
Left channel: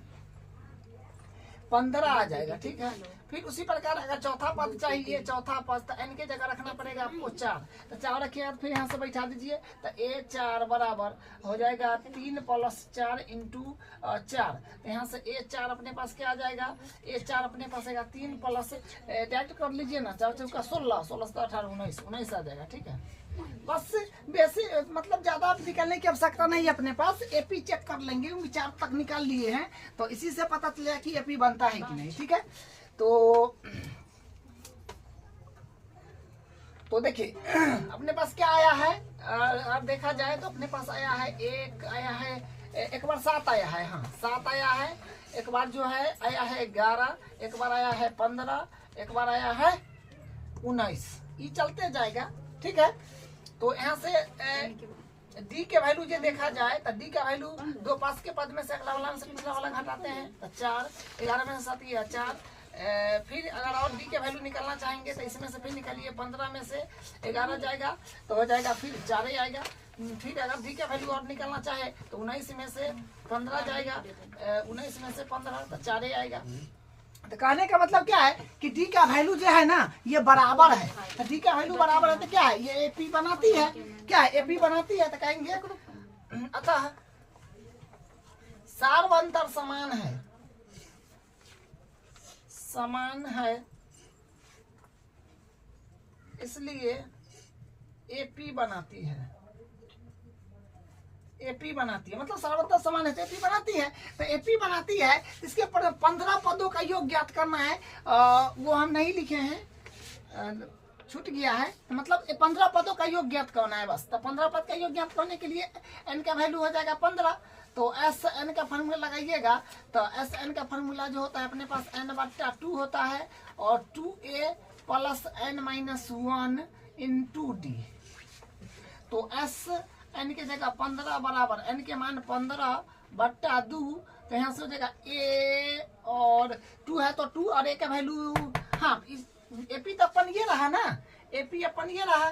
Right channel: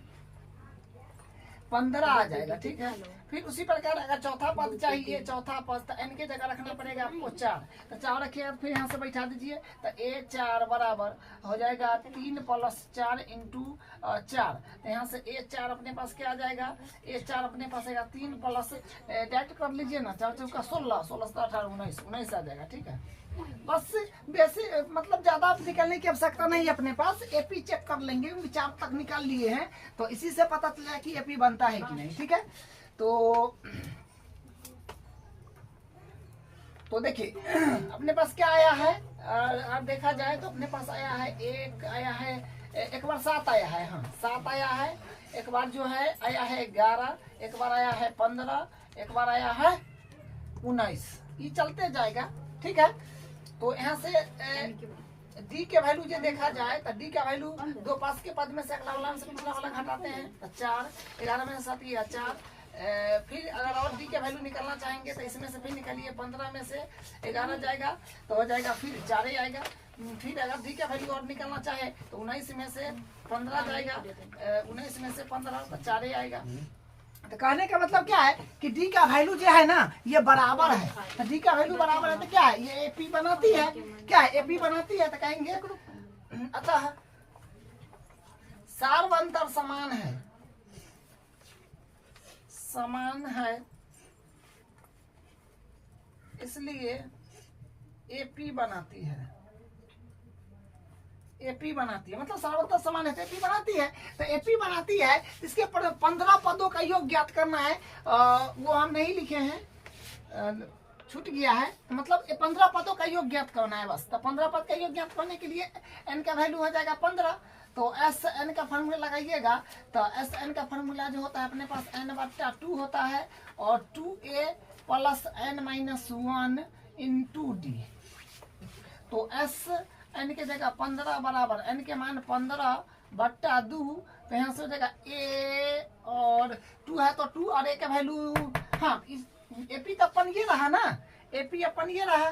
15 आ जाएगा। ठीक है, फिर उसी प्रकार अगर चौथा पद चाहिए, चौथा पद तो n के जगह रखना पड़ेगा आपको 4, तो 4 रखिएगा, फिर यहाँ से बैठा दीजिए, तो ए 4 बराबर हो जाएगा 3 + 4 इंटू 4, तो यहाँ से ए 4 अपने पास क्या आ जाएगा, ए 4 अपने पास आएगा 3 प्लस डायरेक्ट कर लीजिए ना, 4 चौका 16, 16 से 18 19, 19 आ जाएगा। ठीक है, बस वैसे मतलब ज्यादा निकलने की आवश्यकता नहीं है, अपने पास एपी चेक कर लेंगे, 4 तक निकाल लिए हैं, तो इसी से पता चला कि एपी बनता है कि नहीं। ठीक है, तो देखिए अपने पास क्या आया है, अब देखा जाए तो अपने पास आया है एक आया है, एक बार 7 आया है, हाँ 7 आया है, एक बार जो है आया है 11, एक बार आया है 15, एक बार आया है 19, ये चलते जाएगा। ठीक है, तो यहाँ से डी के वैल्यू जो देखा जाए तो डी का वैल्यू 2 पास के पद में से अगला वाला से पिछला वाला घटाते हैं, तो 4, 11 में से 7 गया 4, फिर अगर और डी के वैल्यू निकलना चाहेंगे तो इसमें से फिर निकालिए, 15 में से 11 जाएगा तो हो जाएगा फिर 4 ही आएगा, फिर अगर डी का वैल्यू और निकलना चाहे तो 19 में से 15 जाएगा, 19 में से 15 तो 4 ही आएगा। तो कहने का मतलब क्या है कि डी का वैल्यू जो है ना ये बराबर है, तो डी का वैल्यू बराबर है तो क्या है, ये एपी बनाती है, क्या है एपी बनाती है, तो कहेंगे अतः सार्वंतर समान है, समान है, इसलिए एपी बनाती है, एपी बनाती है, मतलब सार्वंतर समान है तो एपी बनाती है, तो एपी बनाती है, इसके 15 पदों का योग ज्ञात करना है, वो हम नहीं लिखे हैं, छूट गया है, तो मतलब 15 पदों का योग ज्ञात करना है बस, तो 15 पद का योग ज्ञात करने के लिए n का वैल्यू हो जाएगा 15, तो एस एन का फार्मूला लगाइएगा, तो एस एन का फार्मूला जो होता है अपने पास n/2 होता है, और 2a + n-1 इंटू डी, तो एस n के जगह 15 बराबर n के मान 15/2, तो यहाँ से हो जाएगा a और 2 है तो 2 और a का वैल्यू, हाँ एपी तो अपन ये रहा ना, एपी अपन ये रहा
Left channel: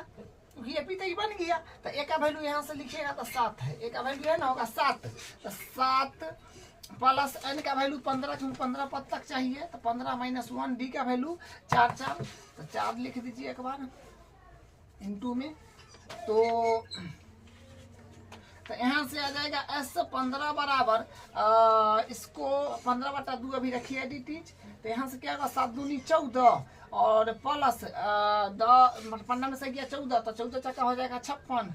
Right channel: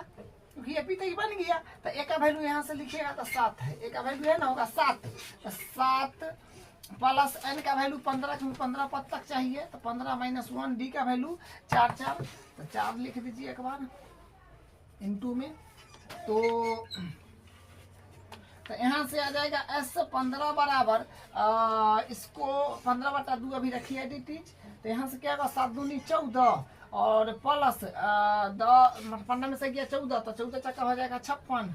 क्योंकि एपी तो ये बन गया, तो a का वैल्यू यहाँ से लिखिएगा तो 7 है, a का वैल्यू है ना होगा 7, तो 7 प्लस n का वैल्यू 15, क्योंकि 15 पद तक चाहिए, तो 15 - 1 डी का वैल्यू 4, 4 तो 4 लिख दीजिए एक बार इंटू में, तो यहाँ से आ जाएगा एस 15 बराबर इसको 15/2 अभी रखिए dt, तो यहाँ से क्या होगा 7 दूनी 14 और प्लस 15 में से गया 14, तो 14 चक्का हो जाएगा 56,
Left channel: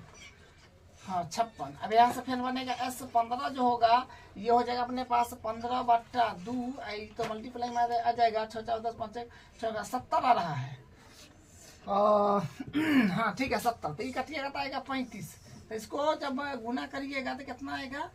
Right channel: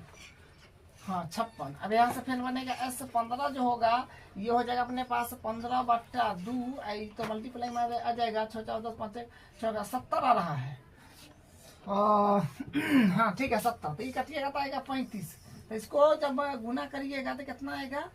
हाँ 56। अब यहाँ से फिर बनेगा एस 15 जो होगा ये हो जाएगा अपने पास 15/2, तो मल्टीप्लाई में आ जाएगा 6 4 10 5 6 70 आ रहा है, हाँ ठीक है 70, तो ये कटिएगा तो आएगा 35, तो इसको जब गुना करिएगा तो कितना आएगा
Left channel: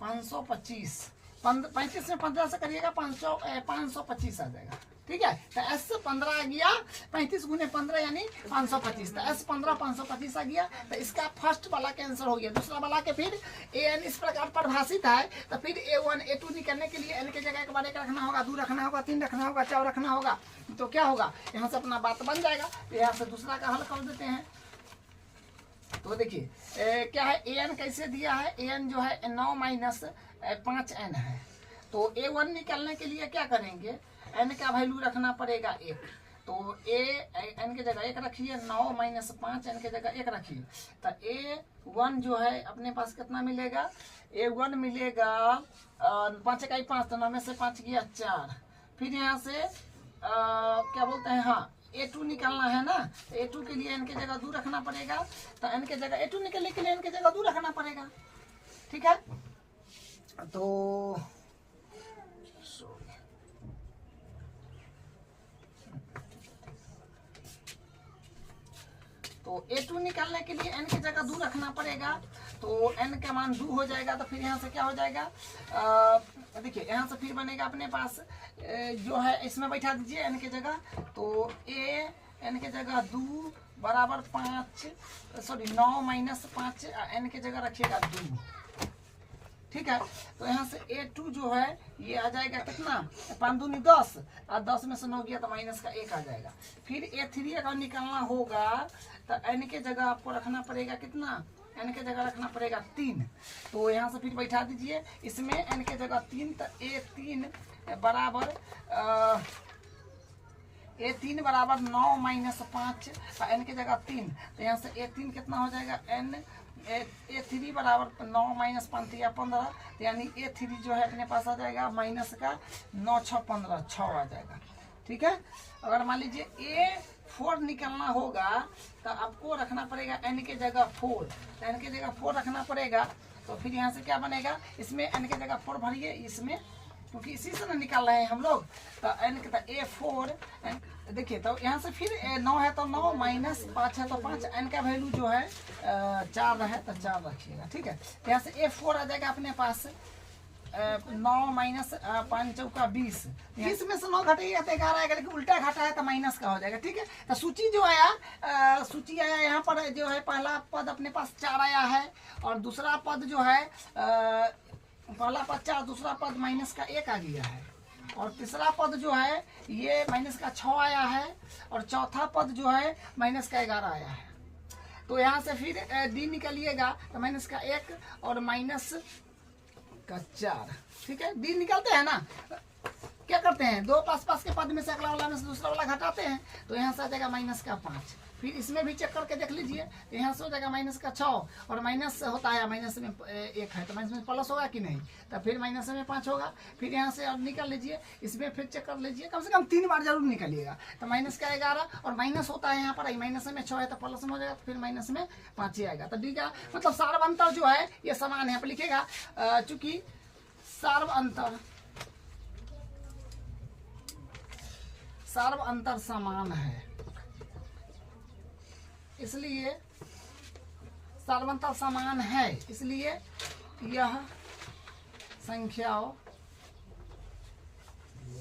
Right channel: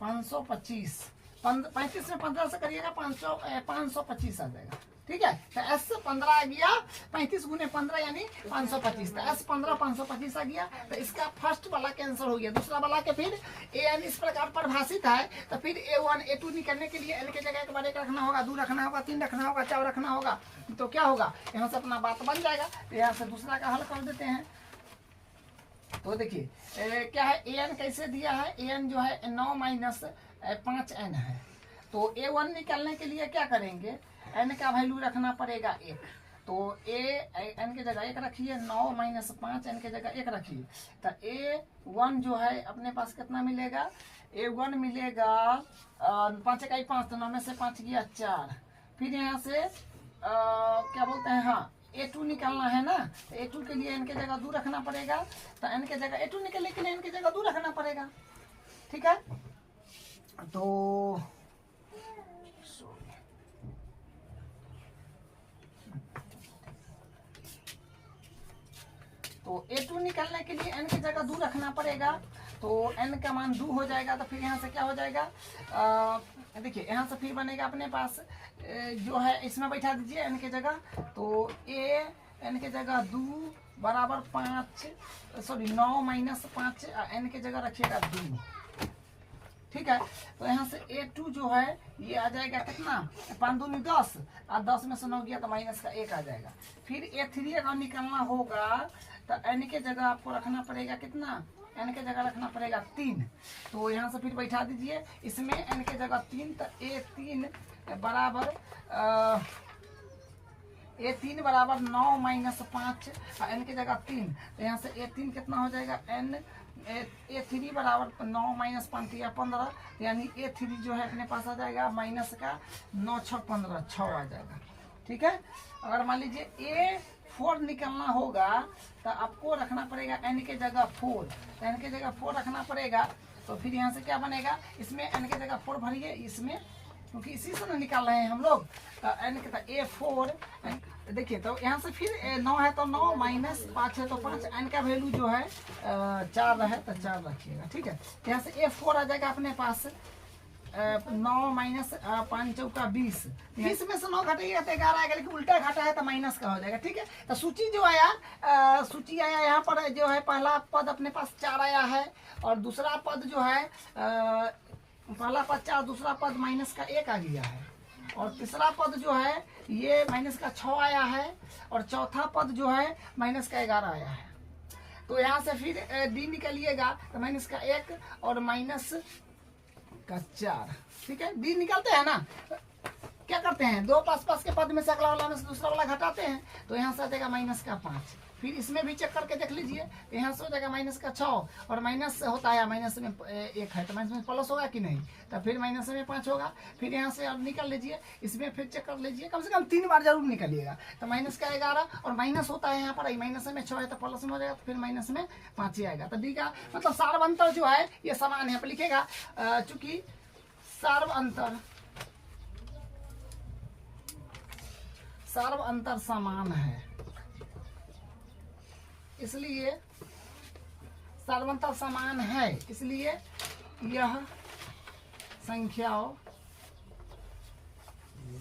525, 35 में 15 से करिएगा 525 आ जाएगा। ठीक है, तो एस 15 आ गया, 35 × 15 यानी 525, तो एस 15 525 आ गया, तो इसका फर्स्ट वाला कैंसिल हो गया, दूसरा वाला के फिर ए एन इस प्रकार परिभाषित है, तो फिर A1 A2 निकलने के लिए एल के जगह एक बार 1 रखना होगा, 2 रखना होगा, 3 रखना होगा, 4 रखना होगा, तो क्या होगा यहाँ से अपना बात बन जाएगा। तो यहाँ से दूसरा का हल कर देते हैं, तो देखिए क्या है an कैसे दिया है, an जो है 9 - 5n है, तो A1 निकालने के लिए क्या करेंगे, n का वैल्यू रखना पड़ेगा 1, तो n के जगह 1 रखिए, 9 - 5n के जगह 1 रखिए, तो A1 जो है अपने पास कितना मिलेगा, A1 मिलेगा 5 × 5 तो 9 में से 5 गया 4, फिर यहाँ से क्या बोलते हैं, हाँ A2 निकालना है ना, तो A2 के लिए n के जगह 2 रखना पड़ेगा, तो n के जगह A2 निकलने के लिए n के जगह 2 रखना पड़ेगा। ठीक है, तो A2 निकालने के लिए n की जगह 2 रखना पड़ेगा, तो n का मान 2 हो जाएगा, तो फिर यहाँ से क्या हो जाएगा, देखिए यहाँ से फिर बनेगा अपने पास जो है इसमें बैठा दीजिए n की जगह, तो n की जगह 2 बराबर 5, सॉरी 9 - 5 n की जगह रखिएगा 2। ठीक है, तो यहाँ से A2 जो है ये आ जाएगा कितना, 5 दूनी 10 और 10 में से 9 गया तो माइनस का 1 आ जाएगा। फिर A3 अगर निकालना होगा तो n के जगह आपको रखना पड़ेगा कितना n के जगह रखना पड़ेगा 3, तो यहाँ से फिर बैठा दीजिए इसमें n के जगह 3, तो a3 बराबर a3 बराबर 9 माइनस 5, n के जगह 3, तो यहाँ से a3 कितना हो जाएगा a3 बराबर 9 माइनस 5 या 15, यानी a3 जो है अपने पास आ जाएगा माइनस का 9 6 15 6 आ जाएगा। ठीक है, अगर मान लीजिए a4 निकलना होगा तो आपको रखना पड़ेगा n के जगह 4, तो n के जगह 4 रखना पड़ेगा, तो फिर यहाँ से क्या बनेगा, इसमें n के जगह 4 भरिए, इसमें क्योंकि इसी से ना निकाल रहे हैं हम लोग, तो n के a4 देखिए, तो यहाँ से फिर 9 है तो 9 माइनस 5 है तो 5, n का वैल्यू जो है 4 है तो 4 रखिएगा। ठीक है, यहाँ से a4 आ जाएगा अपने पास 9 माइनस 5 चौका 20, 20 में से 9 घटेगा तो 11 आएगा, लेकिन उल्टा घटा है तो माइनस का हो जाएगा। ठीक है, तो सूची जो आया सूची आया यहाँ पर जो है पहला पद अपने पास 4 आया है, और दूसरा पद जो है पहला पद 4, दूसरा पद माइनस का 1 आ गया है, और तीसरा पद जो है ये माइनस का 6 आया है, और चौथा पद जो है माइनस का 11 आया है। तो यहाँ से फिर डी निकालिएगा तो माइनस का 1 और माइनस का 4। ठीक है, डी निकालते हैं ना, क्या करते हैं, दो पास के पद में से अगला वाला में से दूसरा वाला घटाते हैं, तो यहाँ से आ जाएगा माइनस का 5। फिर इसमें भी चेक करके देख लीजिए, तो यहाँ से हो जाएगा माइनस का 6, और माइनस होता है माइनस में 1 है तो माइनस में प्लस होगा कि नहीं, तो फिर माइनस में 5 होगा। फिर यहाँ से अब निकाल लीजिए, इसमें फिर चेक कर लीजिए, कम से कम 3 बार जरूर निकालिएगा, तो माइनस का 11 और माइनस होता है यहाँ पर माइनस में 6 है तो प्लस में हो जाएगा, तो फिर माइनस में 5 ही आएगा। तो डी का मतलब सार्व अंतर जो है ये समान है, लिखेगा चूंकि सार्व अंतर समान है, इसलिए सार्वंतर समान है, इसलिए यह संख्याओं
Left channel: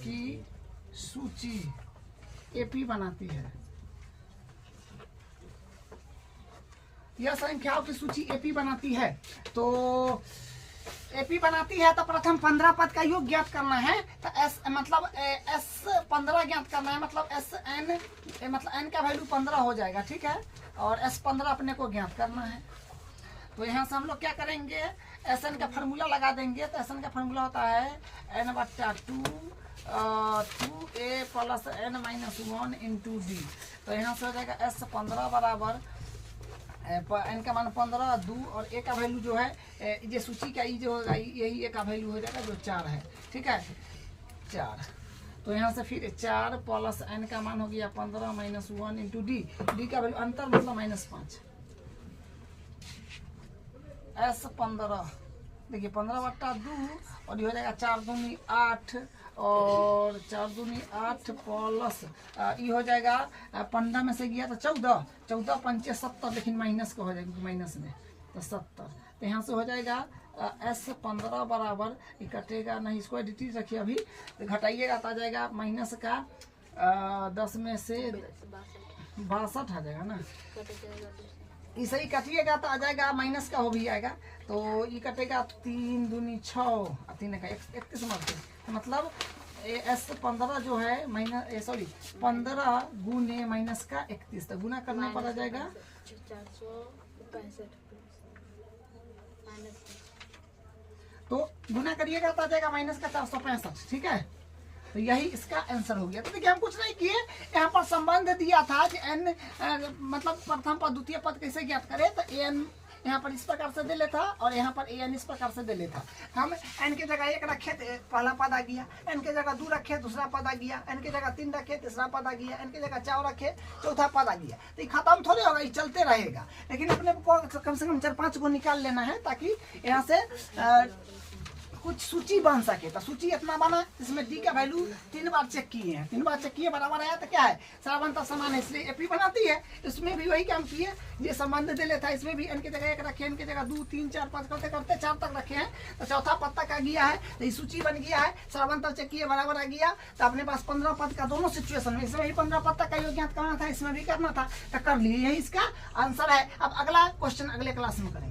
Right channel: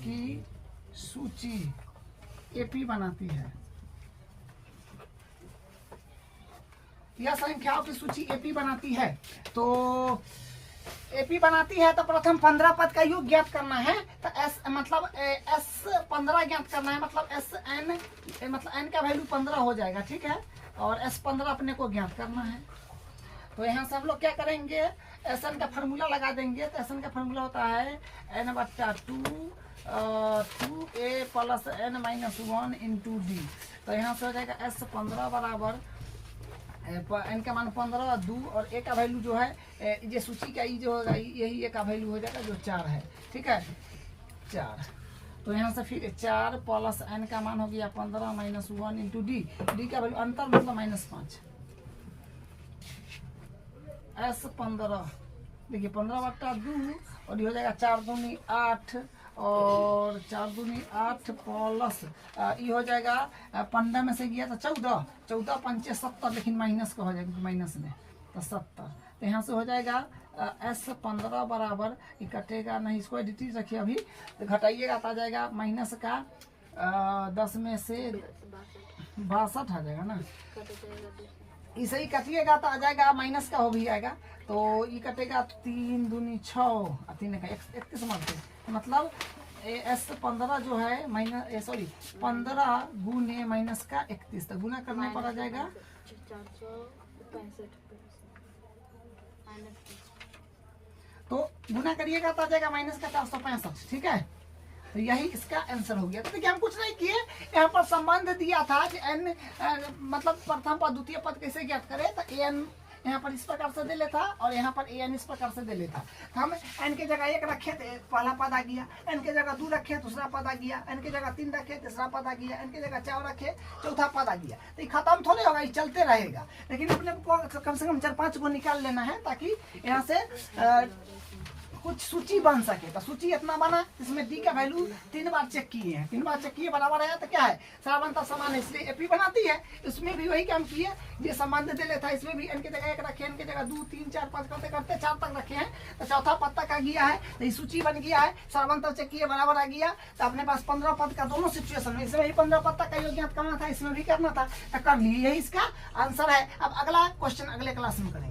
की सूची एपी बनाती है। यह संख्याओं की सूची एपी बनाती है, तो एपी बनाती है तो प्रथम 15 पद का योग ज्ञात करना है, तो एस मतलब एस 15 ज्ञात करना है, मतलब एस एन मतलब एन का वैल्यू 15 हो जाएगा। ठीक है, और एस 15 अपने को ज्ञात करना है, तो यहाँ से हम लोग क्या करेंगे, एस एन का फार्मूला लगा देंगे, तो एस एन का फार्मूला होता है एन बट्टा 2a plus n minus 1 into d. तो यहाँ से हो जाएगा एस 15 बराबर एन का मान 15 2 और ए का वैल्यू जो है ये सूची का ई जो होगा यही ए का वैल्यू हो जाएगा जो 4 है। ठीक है, 4, तो यहाँ से फिर 4 प्लस एन का मान हो गया 15 माइनस 1 इंटू डी, डी का वैल्यू अंतर मतलब माइनस 5, एस 15 देखिए 15/2 और ये हो जाएगा 4 दूनी 8 और 4 दूनी 8 प्लस ये हो जाएगा 15 में से गया तो 14 14 पंचे 70, लेकिन माइनस का हो जाएगा माइनस में तो 70, तो यहाँ से हो जाएगा एस 15 बराबर ये कटेगा नहीं, इसको एडिटिव रखिए अभी, तो घटाइएगा तो आ जाएगा माइनस का 10 में से 62 आ जाएगा ना, इसे ही कटिएगा तो आ जाएगा माइनस का हो भी आएगा, तो ये कटेगा 3 दूनी 6 और 3 का 31 मारते, मतलब एस 15 जो है माइनस 15 गुने माइनस का 31, तो गुना करने पर आ जाएगा 465, तो गुना करिएगा तो आ जाएगा माइनस का 465। ठीक है, तो यही इसका आंसर हो गया। तो देखिए हम कुछ नहीं किए, यहाँ पर संबंध दिया था कि एन मतलब प्रथम पद द्वितीय पद कैसे ज्ञात करें, तो एन यहाँ पर इस प्रकार से दे लेता और यहाँ पर एन इस प्रकार से दे लेता। हम एन के जगह 1 रखे तो पहला पद आ गया, एन के जगह 2 रखे दूसरा पद आ गया, एन के जगह 3 रखे तीसरा पद आ गया, एन के जगह 4 रखे चौथा पद आ गया। तो ये खत्म थोड़े होगा, ये चलते रहेगा, लेकिन अपने को कम से कम 4-5 को निकाल लेना है ताकि यहाँ से कुछ सूची बन सके। तो सूची इतना बना, इसमें डी का वैल्यू 3 बार चेक किए हैं, 3 बार चेक किए बराबर है, तो क्या है सार्वंतर समान है, इसलिए एपी बनाती है। इसमें भी वही काम किए, ये संबंध दे लेता है, इसमें भी एन के जगह 1 रखे, एन के जगह 2 3 4 पद करते करते 4 तक रखे हैं, तो चौथा पद तक आ गया है, तो ये सूची बन गया है, सार्वंतर चेक किए बराबर आ गया। तो अपने पास 15 पद का दोनों सिचुएशन में, इसमें भी 15 पद तक का योग ज्ञात करना था, इसमें भी करना था, तो कर लिए, यही इसका आंसर है। अब अगला क्वेश्चन अगले क्लास में करेंगे।